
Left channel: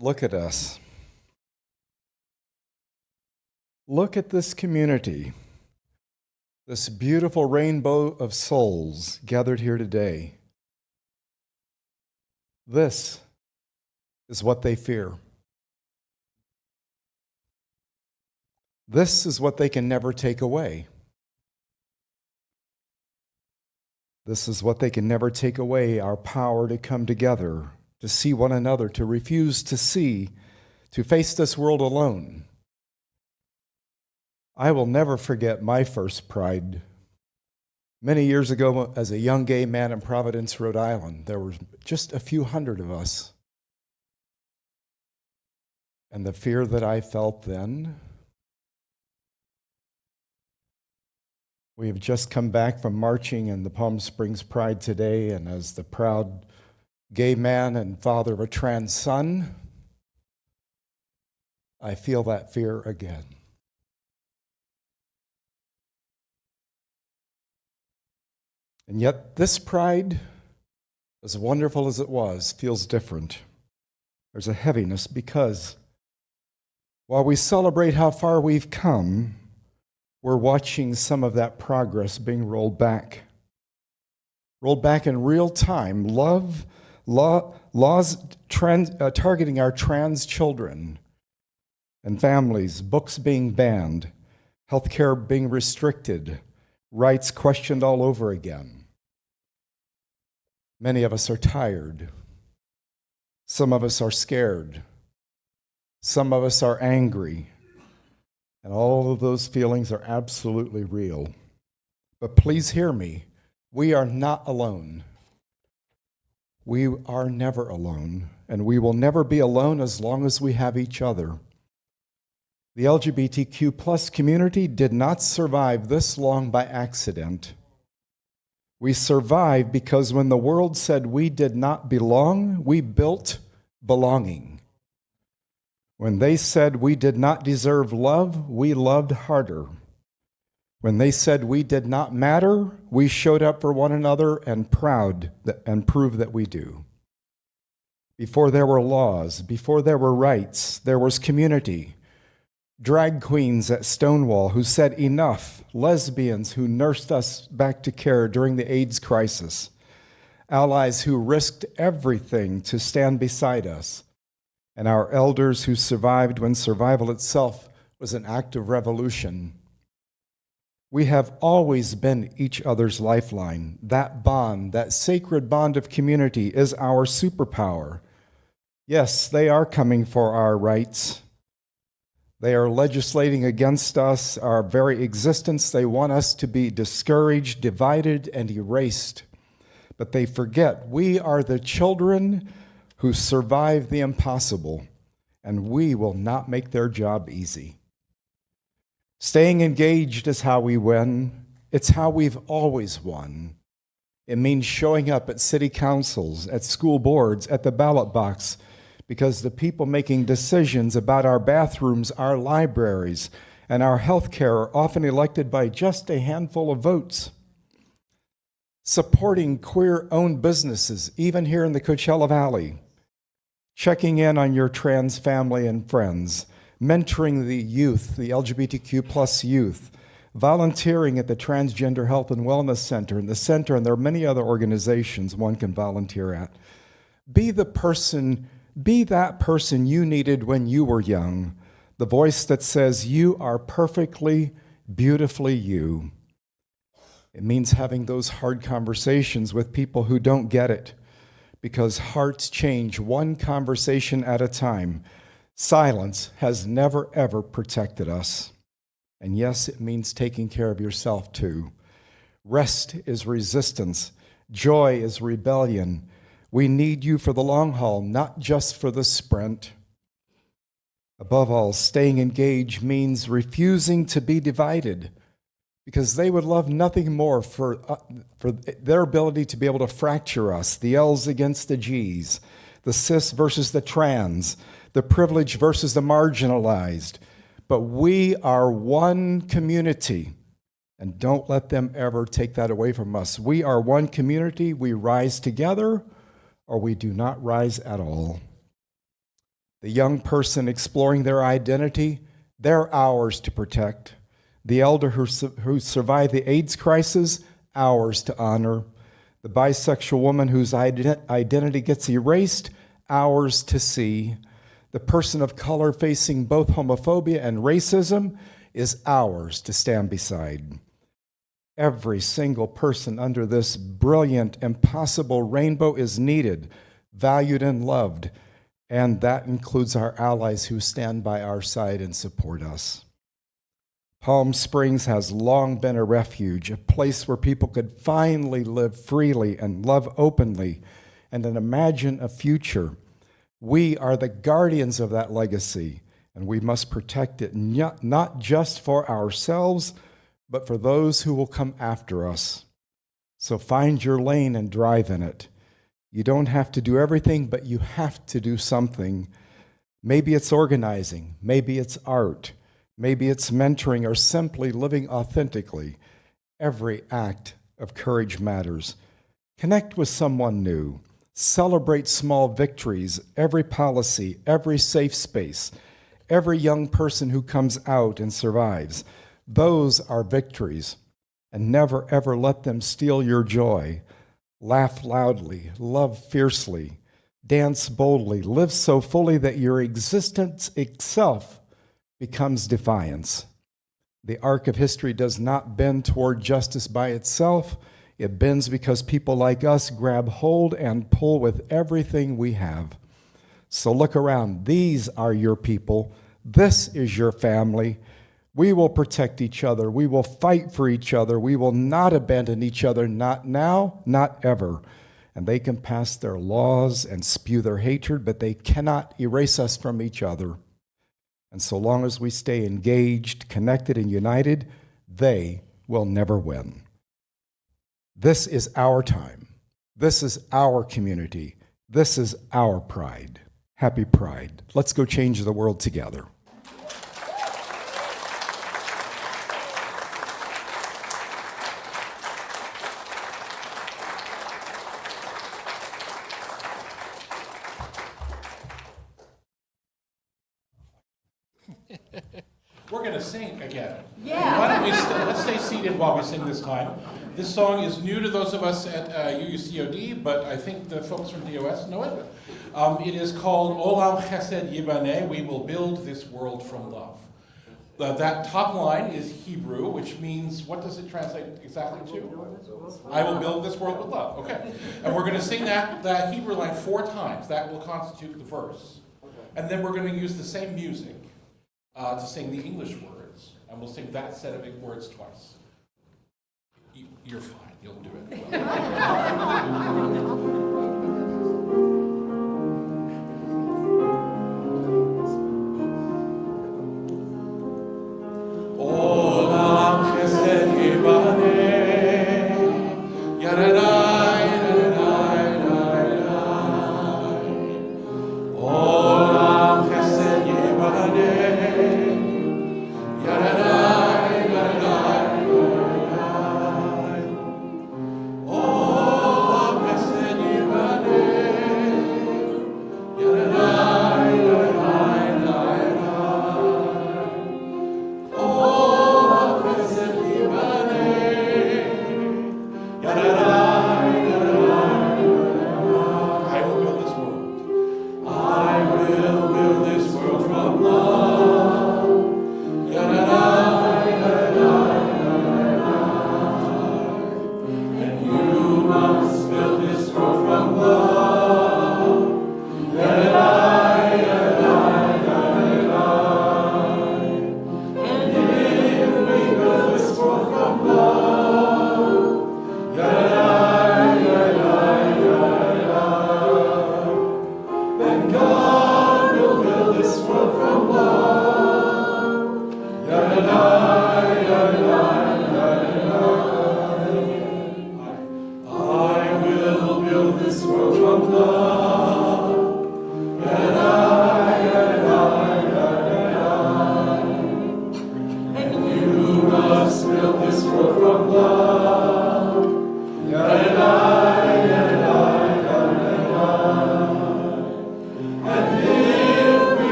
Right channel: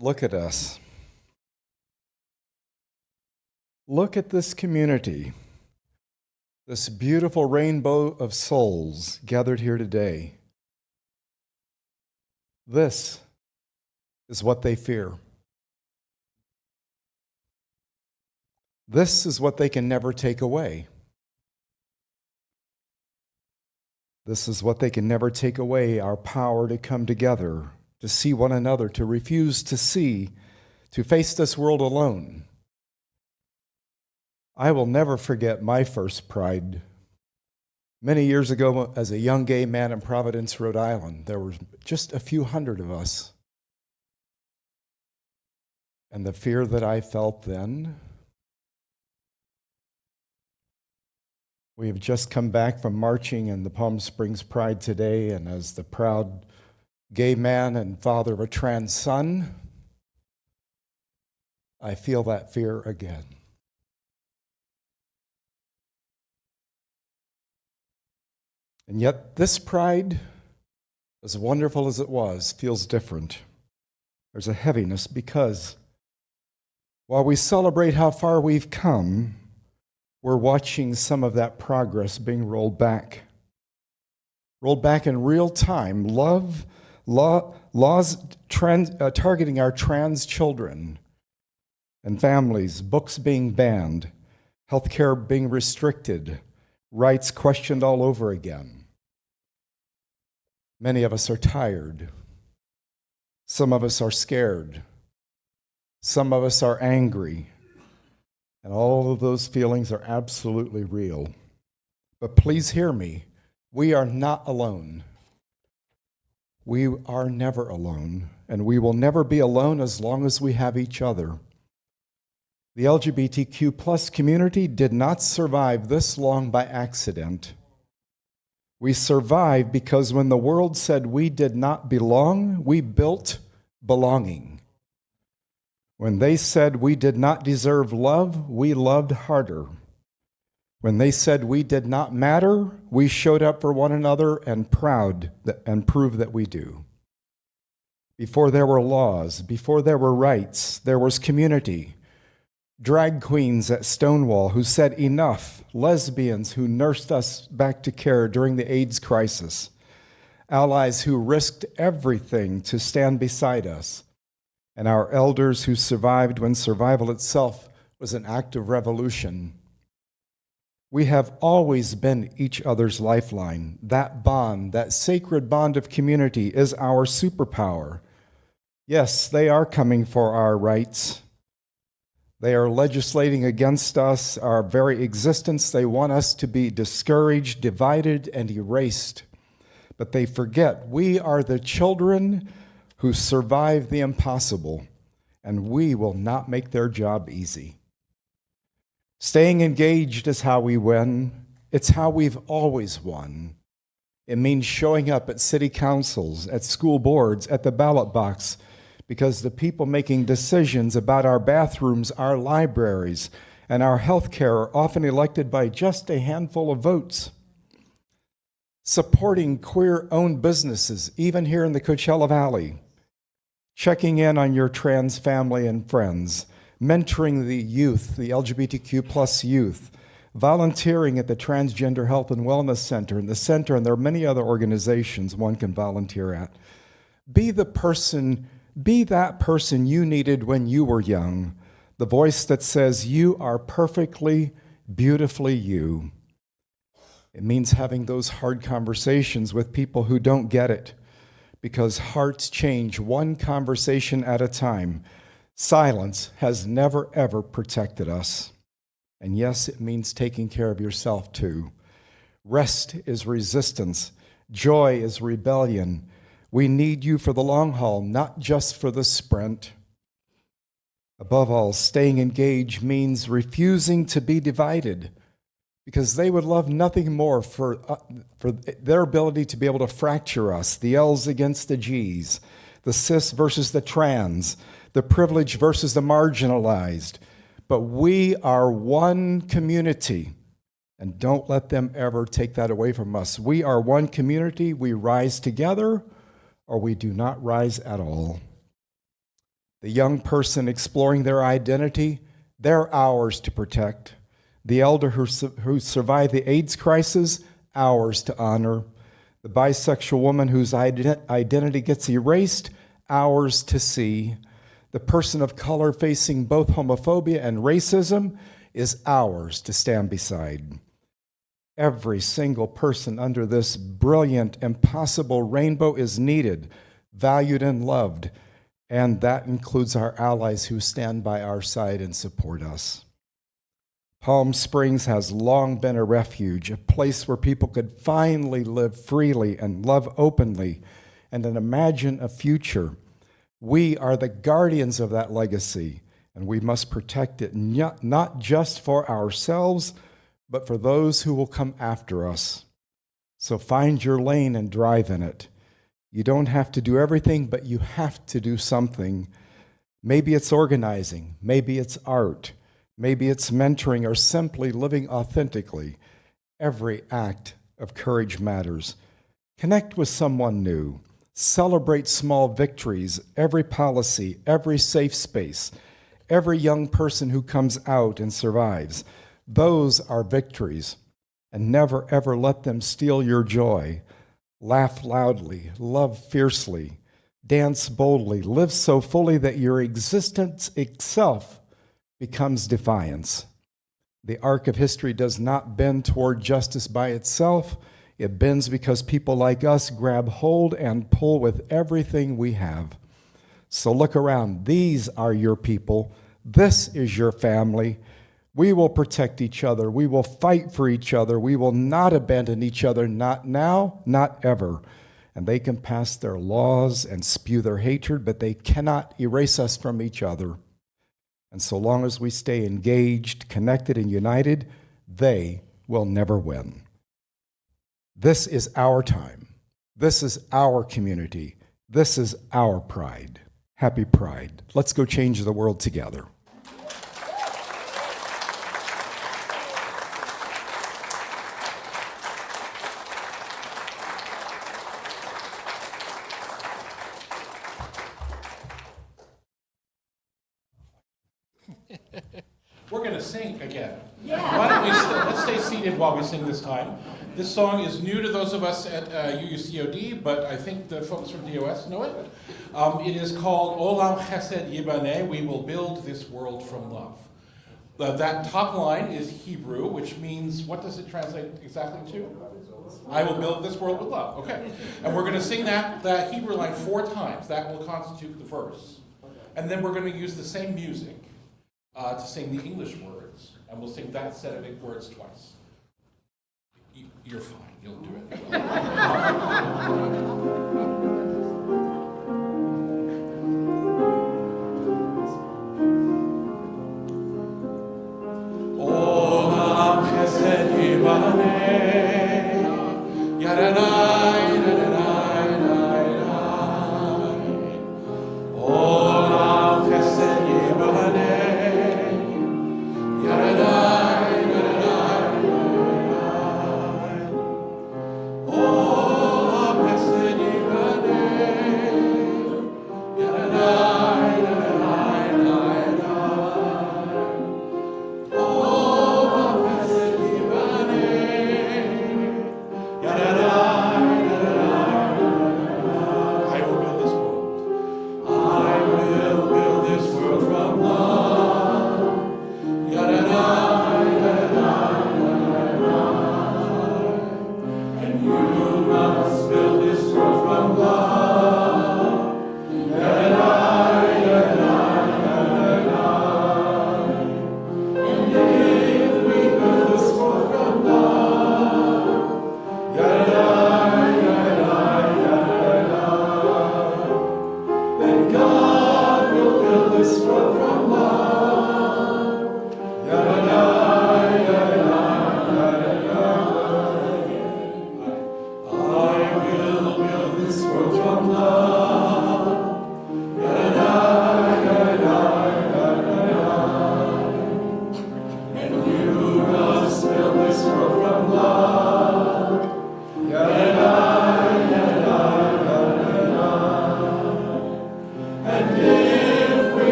Look at us. Look at this community, this beautiful rainbow of souls gathered here today. This is what they fear. This is what they can never take away. This is what they can never take away, our power to come together, to see one another, to refuse to see, to face this world alone. I will never forget my first Pride. Many years ago, as a young gay man in Providence, Rhode Island, there were just a few hundred of us. And the fear that I felt then, we have just come back from marching in the Palm Springs Pride today, and as the proud gay man and father of a trans son, I feel that fear again. And yet this Pride, as wonderful as it was, feels different. There's a heaviness because while we celebrate how far we've come, we're watching some of that progress being rolled back. Rolled back in real time. Laws targeting our trans children and families, books being banned, healthcare being restricted, rights questioned all over again. Many of us are tired. Some of us are scared. Some of us are angry. And all of those feelings are absolutely real. But please hear me. We are not alone. We are never alone, and we will never be alone as long as we have each other. The LGBTQ plus community did not survive this long by accident. We survived because when the world said we did not belong, we built belonging. When they said we did not deserve love, we loved harder. When they said we did not matter, we showed up for one another and proved that we do. Before there were laws, before there were rights, there was community. Drag queens at Stonewall who said enough, lesbians who nursed us back to care during the AIDS crisis, allies who risked everything to stand beside us, and our elders who survived when survival itself was an act of revolution. We have always been each other's lifeline. That bond, that sacred bond of community is our superpower. Yes, they are coming for our rights. They are legislating against us, our very existence. They want us to be discouraged, divided, and erased. But they forget we are the children who survived the impossible, and we will not make their job easy. Staying engaged is how we win. It's how we've always won. It means showing up at city councils, at school boards, at the ballot box, because the people making decisions about our bathrooms, our libraries, and our health care are often elected by just a handful of votes. Supporting queer-owned businesses, even here in the Coachella Valley. Checking in on your trans family and friends. Mentoring the youth, the LGBTQ plus youth. Volunteering at the Transgender Health and Wellness Center, and the center, and there are many other organizations one can volunteer at. Be that person you needed when you were young, the voice that says you are perfectly, beautifully you. It means having those hard conversations with people who don't get it, because hearts change one conversation at a time. Silence has never, ever protected us. And yes, it means taking care of yourself too. Rest is resistance. Joy is rebellion. We need you for the long haul, not just for the sprint. Above all, staying engaged means refusing to be divided, because they would love nothing more for their ability to be able to fracture us, the L's against the G's, the cis versus the trans, the privileged versus the marginalized. But we are one community, and don't let them ever take that away from us. We are one community. We rise together, or we do not rise at all. The young person exploring their identity, they're ours to protect. The elder who survived the AIDS crisis, ours to honor. The bisexual woman whose identity gets erased, ours to see. The person of color facing both homophobia and racism is ours to stand beside. Every single person under this brilliant, impossible rainbow is needed, valued, and loved, and that includes our allies who stand by our side and support us. Palm Springs has long been a refuge, a place where people could finally live freely and love openly and imagine a future. We are the guardians of that legacy, and we must protect it, not just for ourselves, but for those who will come after us. So find your lane and drive in it. You don't have to do everything, but you have to do something. Maybe it's organizing, maybe it's art, maybe it's mentoring, or simply living authentically. Every act of courage matters. Connect with someone new. Celebrate small victories, every policy, every safe space, every young person who comes out and survives. Those are victories, and never ever let them steal your joy. Laugh loudly, love fiercely, dance boldly, live so fully that your existence itself becomes defiance. The arc of history does not bend toward justice by itself. It bends because people like us grab hold and pull with everything we have. So look around. These are your people. This is your family. We will protect each other. We will fight for each other. We will not abandon each other, not now, not ever. And they can pass their laws and spew their hatred, but they cannot erase us from each other. And so long as we stay engaged, connected, and united, they will never win. This is our time. This is our community. This is our pride. Happy Pride. Let's go change the world together. We're going to sing again. Yeah. Why don't we let's stay seated while we sing this time. This song is new to those of us at UUCOD, but I think the folks from DOS know it. It is called Olam Chesed Yibaneh, We Will Build This World from Love. That top line is Hebrew, which means, what does it translate exactly to? I will build this world with love. Okay. And we're going to sing that Hebrew line 4 times. That will constitute the verse. And then we're going to use the same music to sing the English words, and we'll sing that set of words twice. You're fine. You'll do it well. Olam chesed yibaneh, yaradai, yaradai, yaradai. Olam chesed yibaneh. Da da da.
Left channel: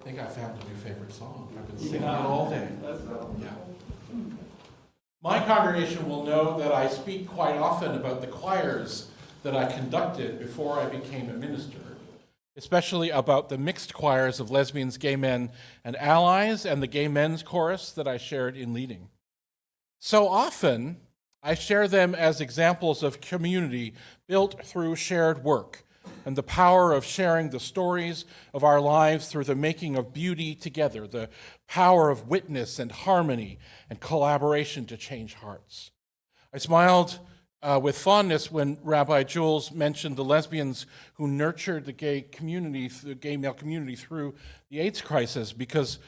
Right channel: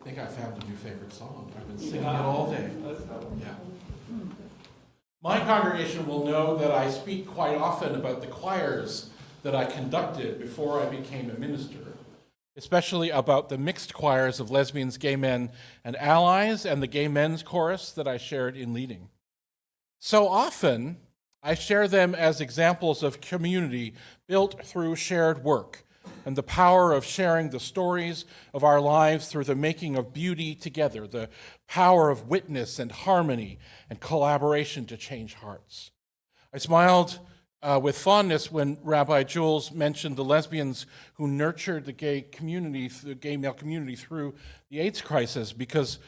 I think I found a new favorite song. I've been singing it all day. Yeah. My congregation will know that I speak quite often about the choirs that I conducted before I became a minister, especially about the mixed choirs of lesbians, gay men, and allies, and the gay men's chorus that I shared in leading. So often, I share them as examples of community built through shared work, and the power of sharing the stories of our lives through the making of beauty together, the power of witness and harmony and collaboration to change hearts. I smiled with fondness when Rabbi Jules mentioned the lesbians who nurtured the gay community, the gay male community through the AIDS crisis, because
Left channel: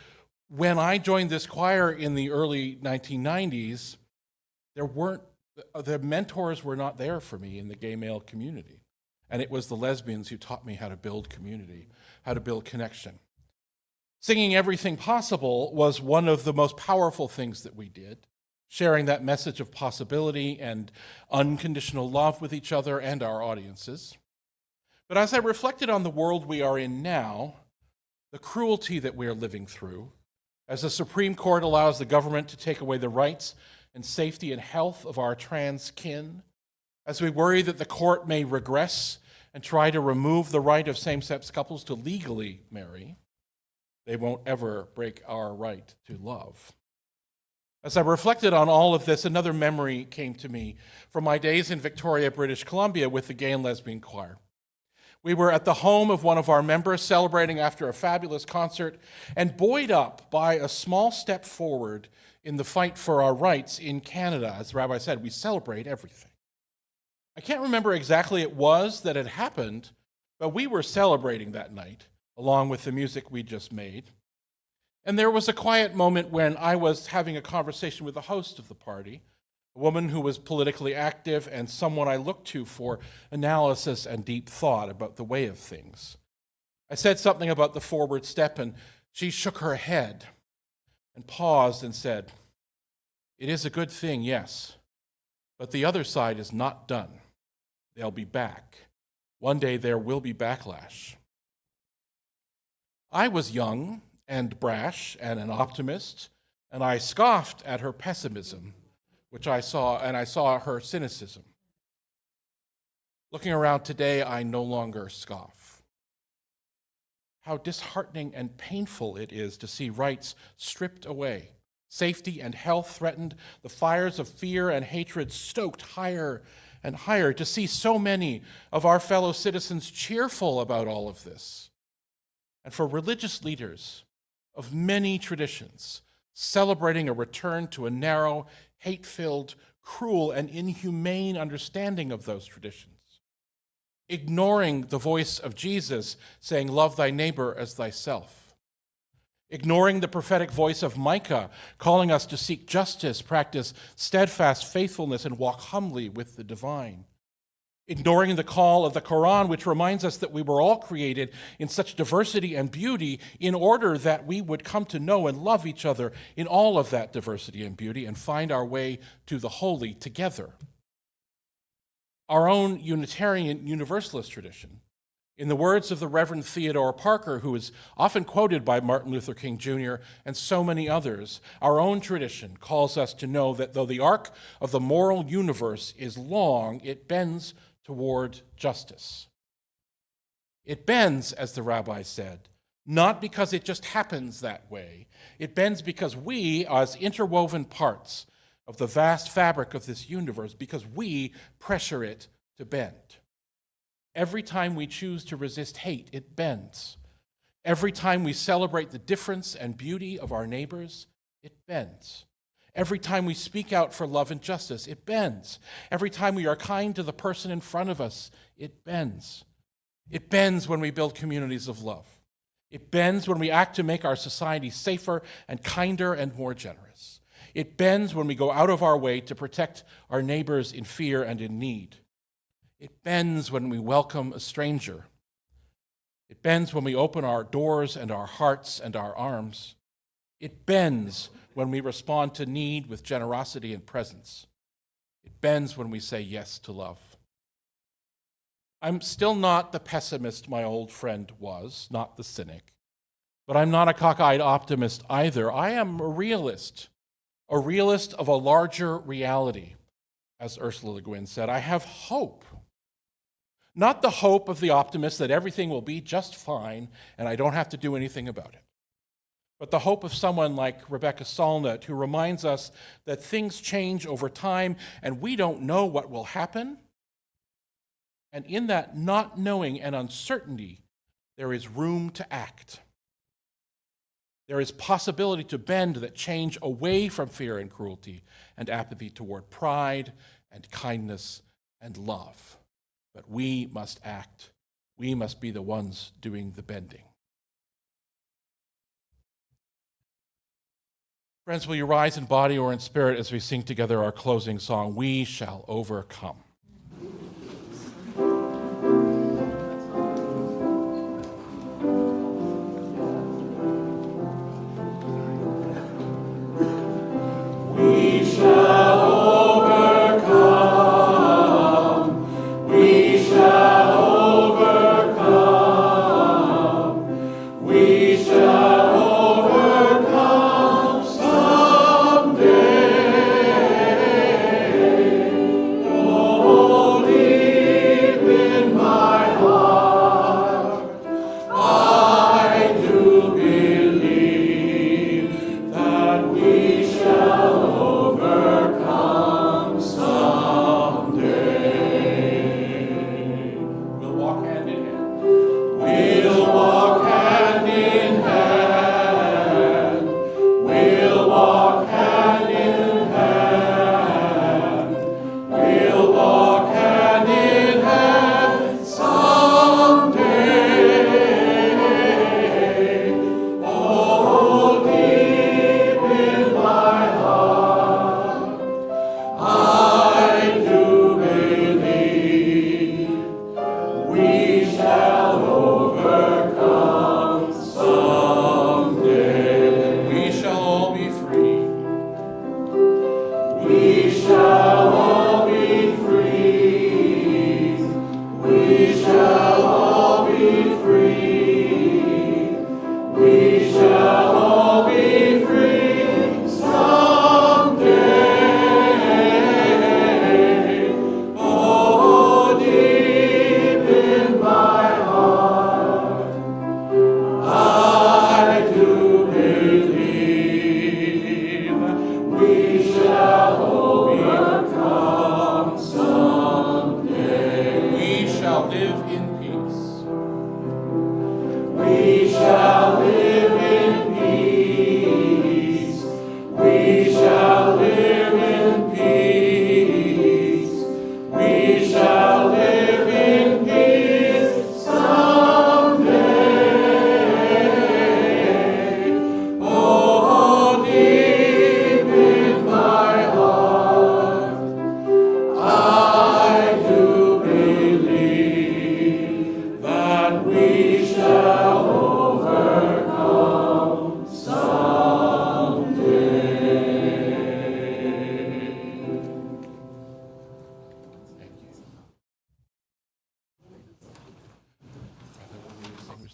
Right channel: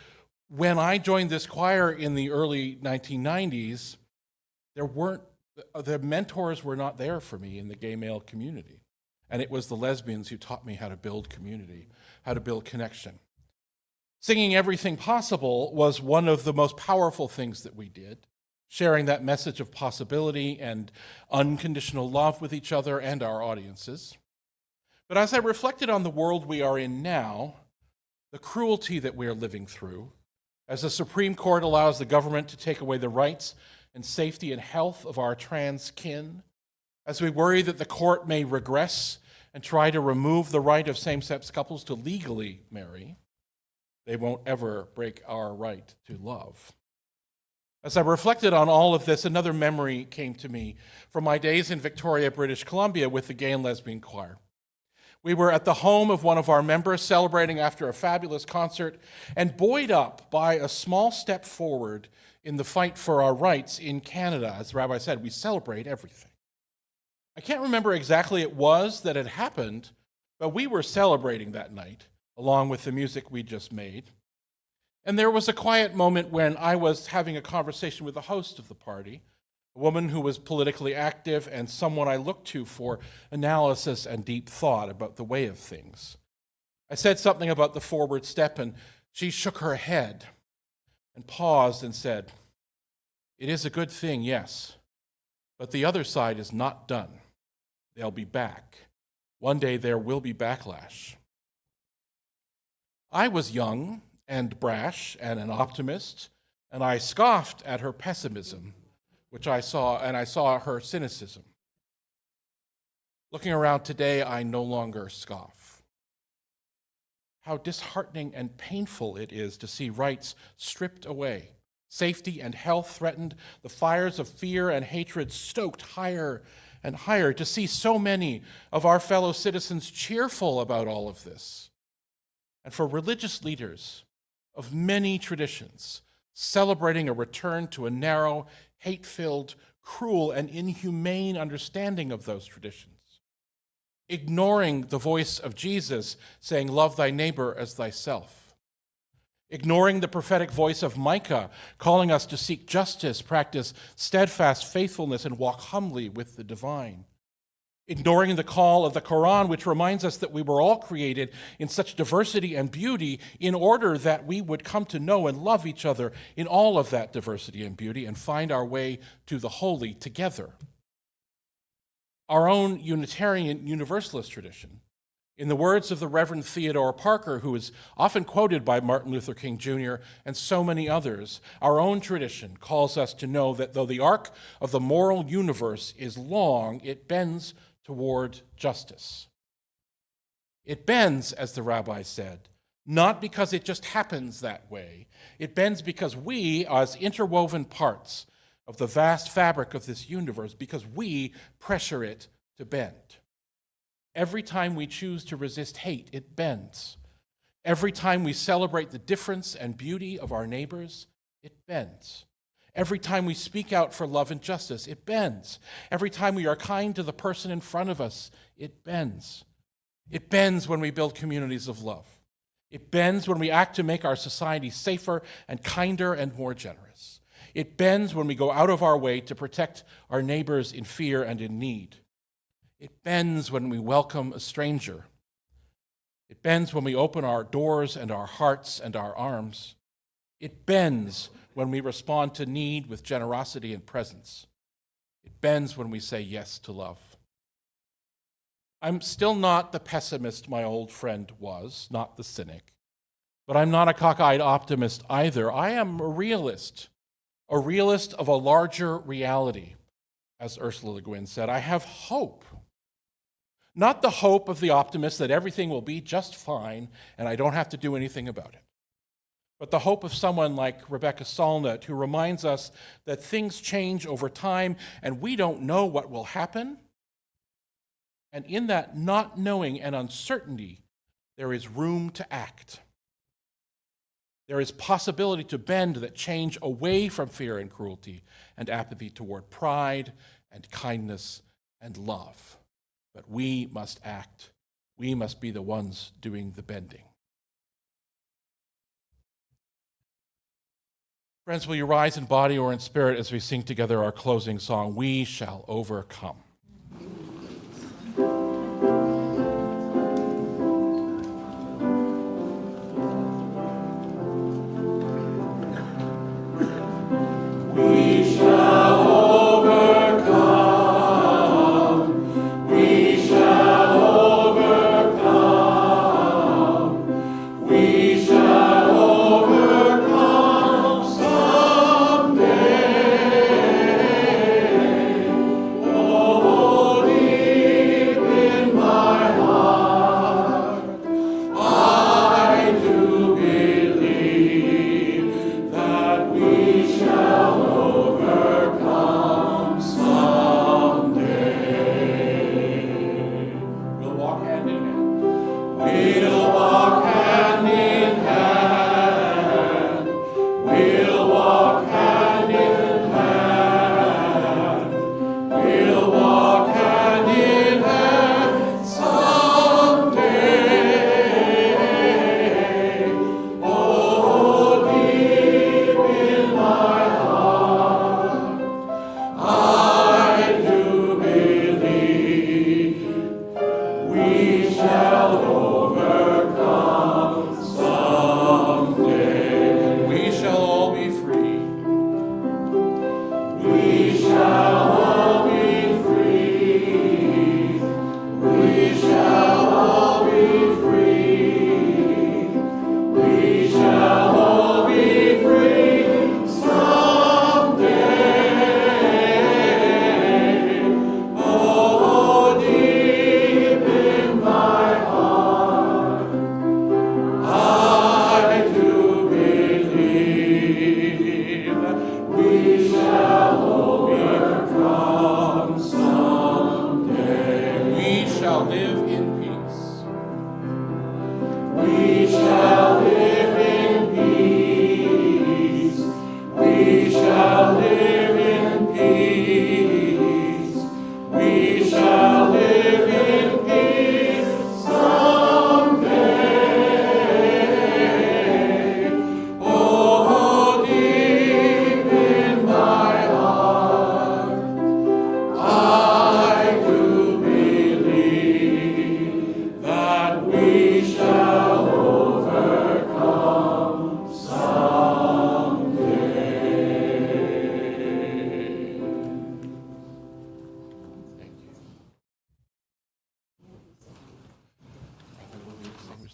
when I joined this choir in the early 1990s, the mentors were not there for me in the gay male community. And it was the lesbians who taught me how to build community, how to build connection. Singing Everything Possible was one of the most powerful things that we did, sharing that message of possibility and unconditional love with each other and our audiences. But as I reflected on the world we are in now, the cruelty that we are living through, as the Supreme Court allows the government to take away the rights and safety and health of our trans kin, as we worry that the court may regress and try to remove the right of same-sex couples to legally marry, they won't ever break our right to love. As I reflected on all of this, another memory came to me from my days in Victoria, British Columbia with the Gay and Lesbian Choir. We were at the home of one of our members celebrating after a fabulous concert and buoyed up by a small step forward in the fight for our rights in Canada. As Rabbi said, we celebrate everything. I can't remember exactly it was that had happened, but we were celebrating that night, along with the music we just made. And there was a quiet moment when I was having a conversation with the host of the party, a woman who was politically active and someone I looked to for analysis and deep thought about the way of things. I said something about the forward step, and she shook her head and paused and said, "It is a good thing, yes, but the other side is not done. They'll be back. One day there will be backlash." I was young and brash and an optimist, and I scoffed at her pessimism, I saw her cynicism. Looking around today, I no longer scoff. How disheartening and painful it is to see rights stripped away, safety and health threatened, the fires of fear and hatred stoked higher and higher, to see so many of our fellow citizens cheerful about all of this. And for religious leaders of many traditions celebrating a return to a narrow, hate-filled, cruel, and inhumane understanding of those traditions, ignoring the voice of Jesus saying, "Love thy neighbor as thyself," ignoring the prophetic voice of Micah calling us to seek justice, practice steadfast faithfulness, and walk humbly with the divine, ignoring the call of the Quran, which reminds us that we were all created in such diversity and beauty in order that we would come to know and love each other in all of that diversity and beauty and find our way to the holy together. Our own Unitarian Universalist tradition, in the words of the Reverend Theodore Parker, who is often quoted by Martin Luther King Jr. and so many others, our own tradition calls us to know that though the arc of the moral universe is long, it bends toward justice. It bends, as the rabbi said, not because it just happens that way. It bends because we, as interwoven parts of the vast fabric of this universe, because we pressure it to bend. Every time we choose to resist hate, it bends. Every time we celebrate the difference and beauty of our neighbors, it bends. Every time we speak out for love and justice, it bends. Every time we are kind to the person in front of us, it bends. It bends when we build communities of love. It bends when we act to make our society safer and kinder and more generous. It bends when we go out of our way to protect our neighbors in fear and in need. It bends when we welcome a stranger. It bends when we open our doors and our hearts and our arms. It bends when we respond to need with generosity and presence. It bends when we say yes to love. I'm still not the pessimist my old friend was, not the cynic. But I'm not a cockeyed optimist either. I am a realist of a larger reality, as Ursula Le Guin said. I have hope. Not the hope of the optimist that everything will be just fine and I don't have to do anything about it, but the hope of someone like Rebecca Solnit, who reminds us that things change over time and we don't know what will happen. And in that not knowing and uncertainty, there is room to act. There is possibility to bend that change away from fear and cruelty and apathy toward pride and kindness and love. But we must act. We must be the ones doing the bending. Friends, will you rise in body or in spirit as we sing together our closing song, We Shall Overcome?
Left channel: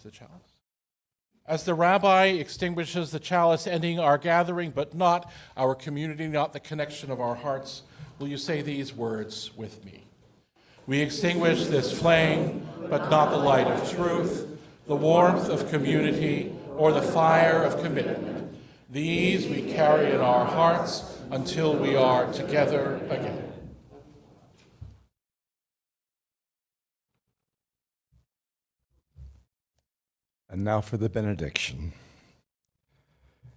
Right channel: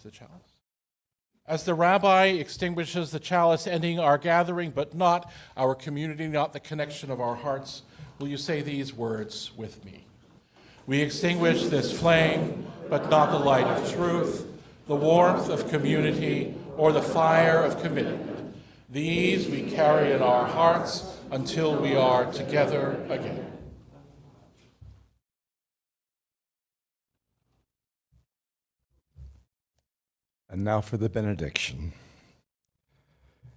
The chalice. As the rabbi extinguishes the chalice, ending our gathering, but not our community, not the connection of our hearts, will you say these words with me? We extinguish this flame, but not the light of truth, the warmth of community, or the fire of commitment. These we carry in our hearts until we are together again. And now for the benediction.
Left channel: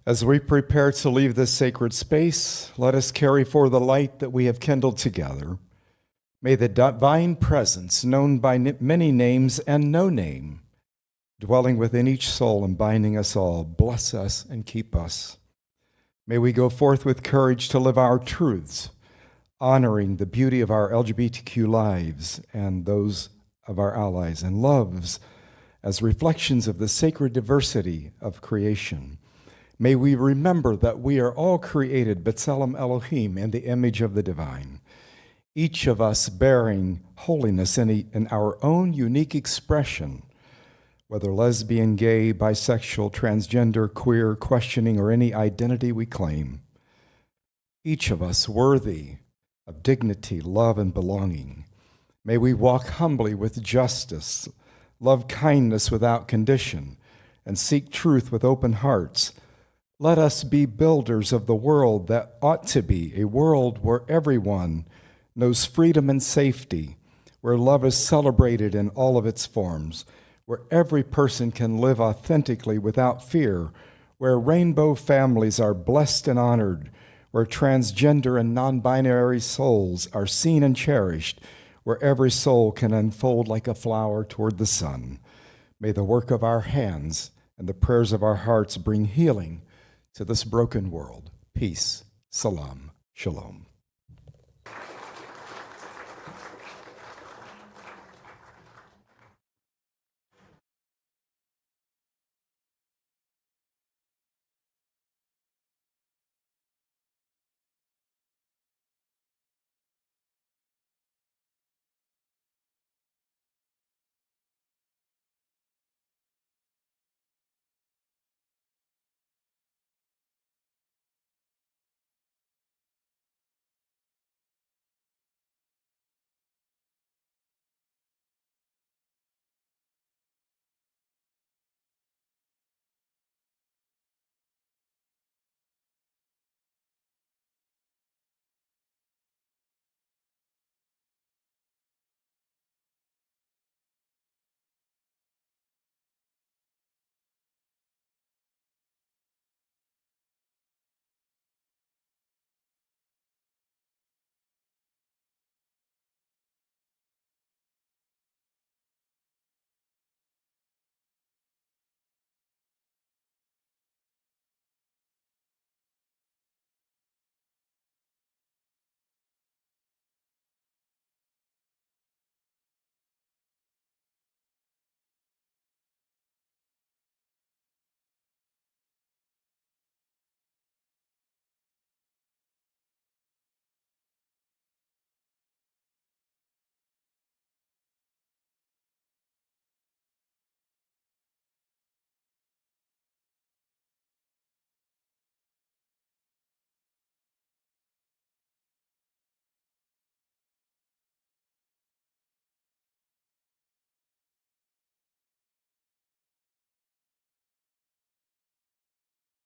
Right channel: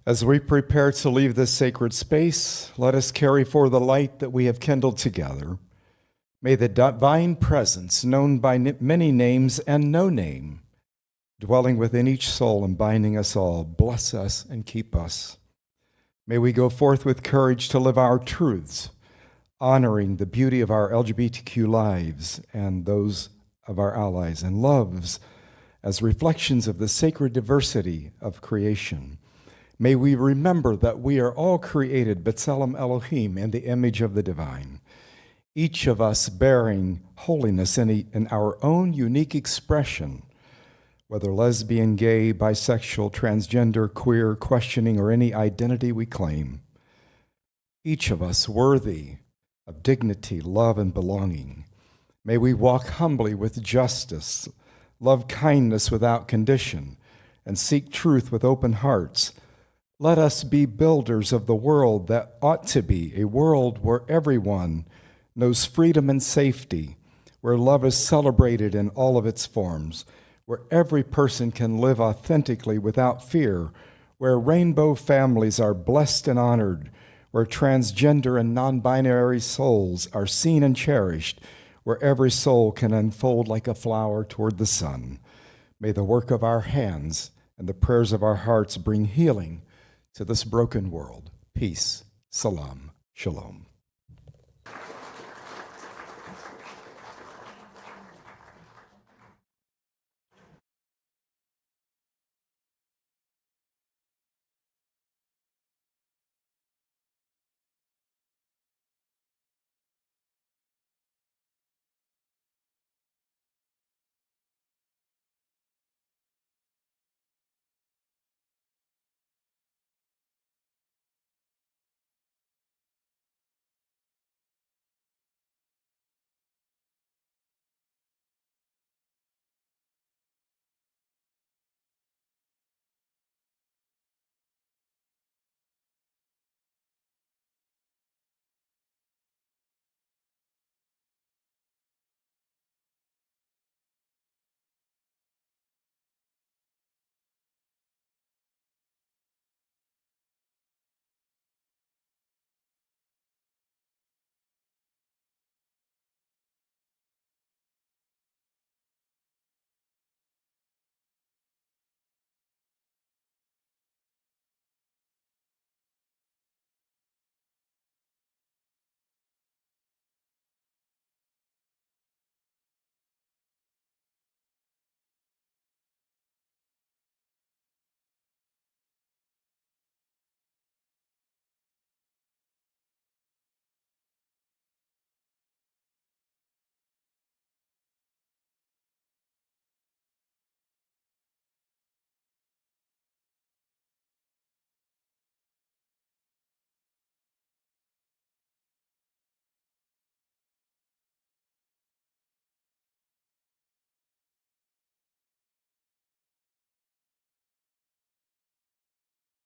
As we prepare to leave this sacred space, let us carry forth the light that we have kindled together. May the divine presence, known by many names and no name, dwelling within each soul and binding us all, bless us and keep us. May we go forth with courage to live our truths, honoring the beauty of our LGBTQ lives and those of our allies and loves as reflections of the sacred diversity of creation. May we remember that we are all created B'Tselem Elohim in the image of the divine, each of us bearing holiness in our own unique expression, whether lesbian, gay, bisexual, transgender, queer, questioning, or any identity we claim. Each of us worthy of dignity, love, and belonging. May we walk humbly with justice, love kindness without condition, and seek truth with open hearts. Let us be builders of the world that ought to be a world where everyone knows freedom and safety, where love is celebrated in all of its forms, where every person can live authentically without fear, where rainbow families are blessed and honored, where transgender and non-binary souls are seen and cherished, where every soul can unfold like a flower toward the sun. May the work of our hands and the prayers of our hearts bring healing to this broken world. Peace, salam, shalom.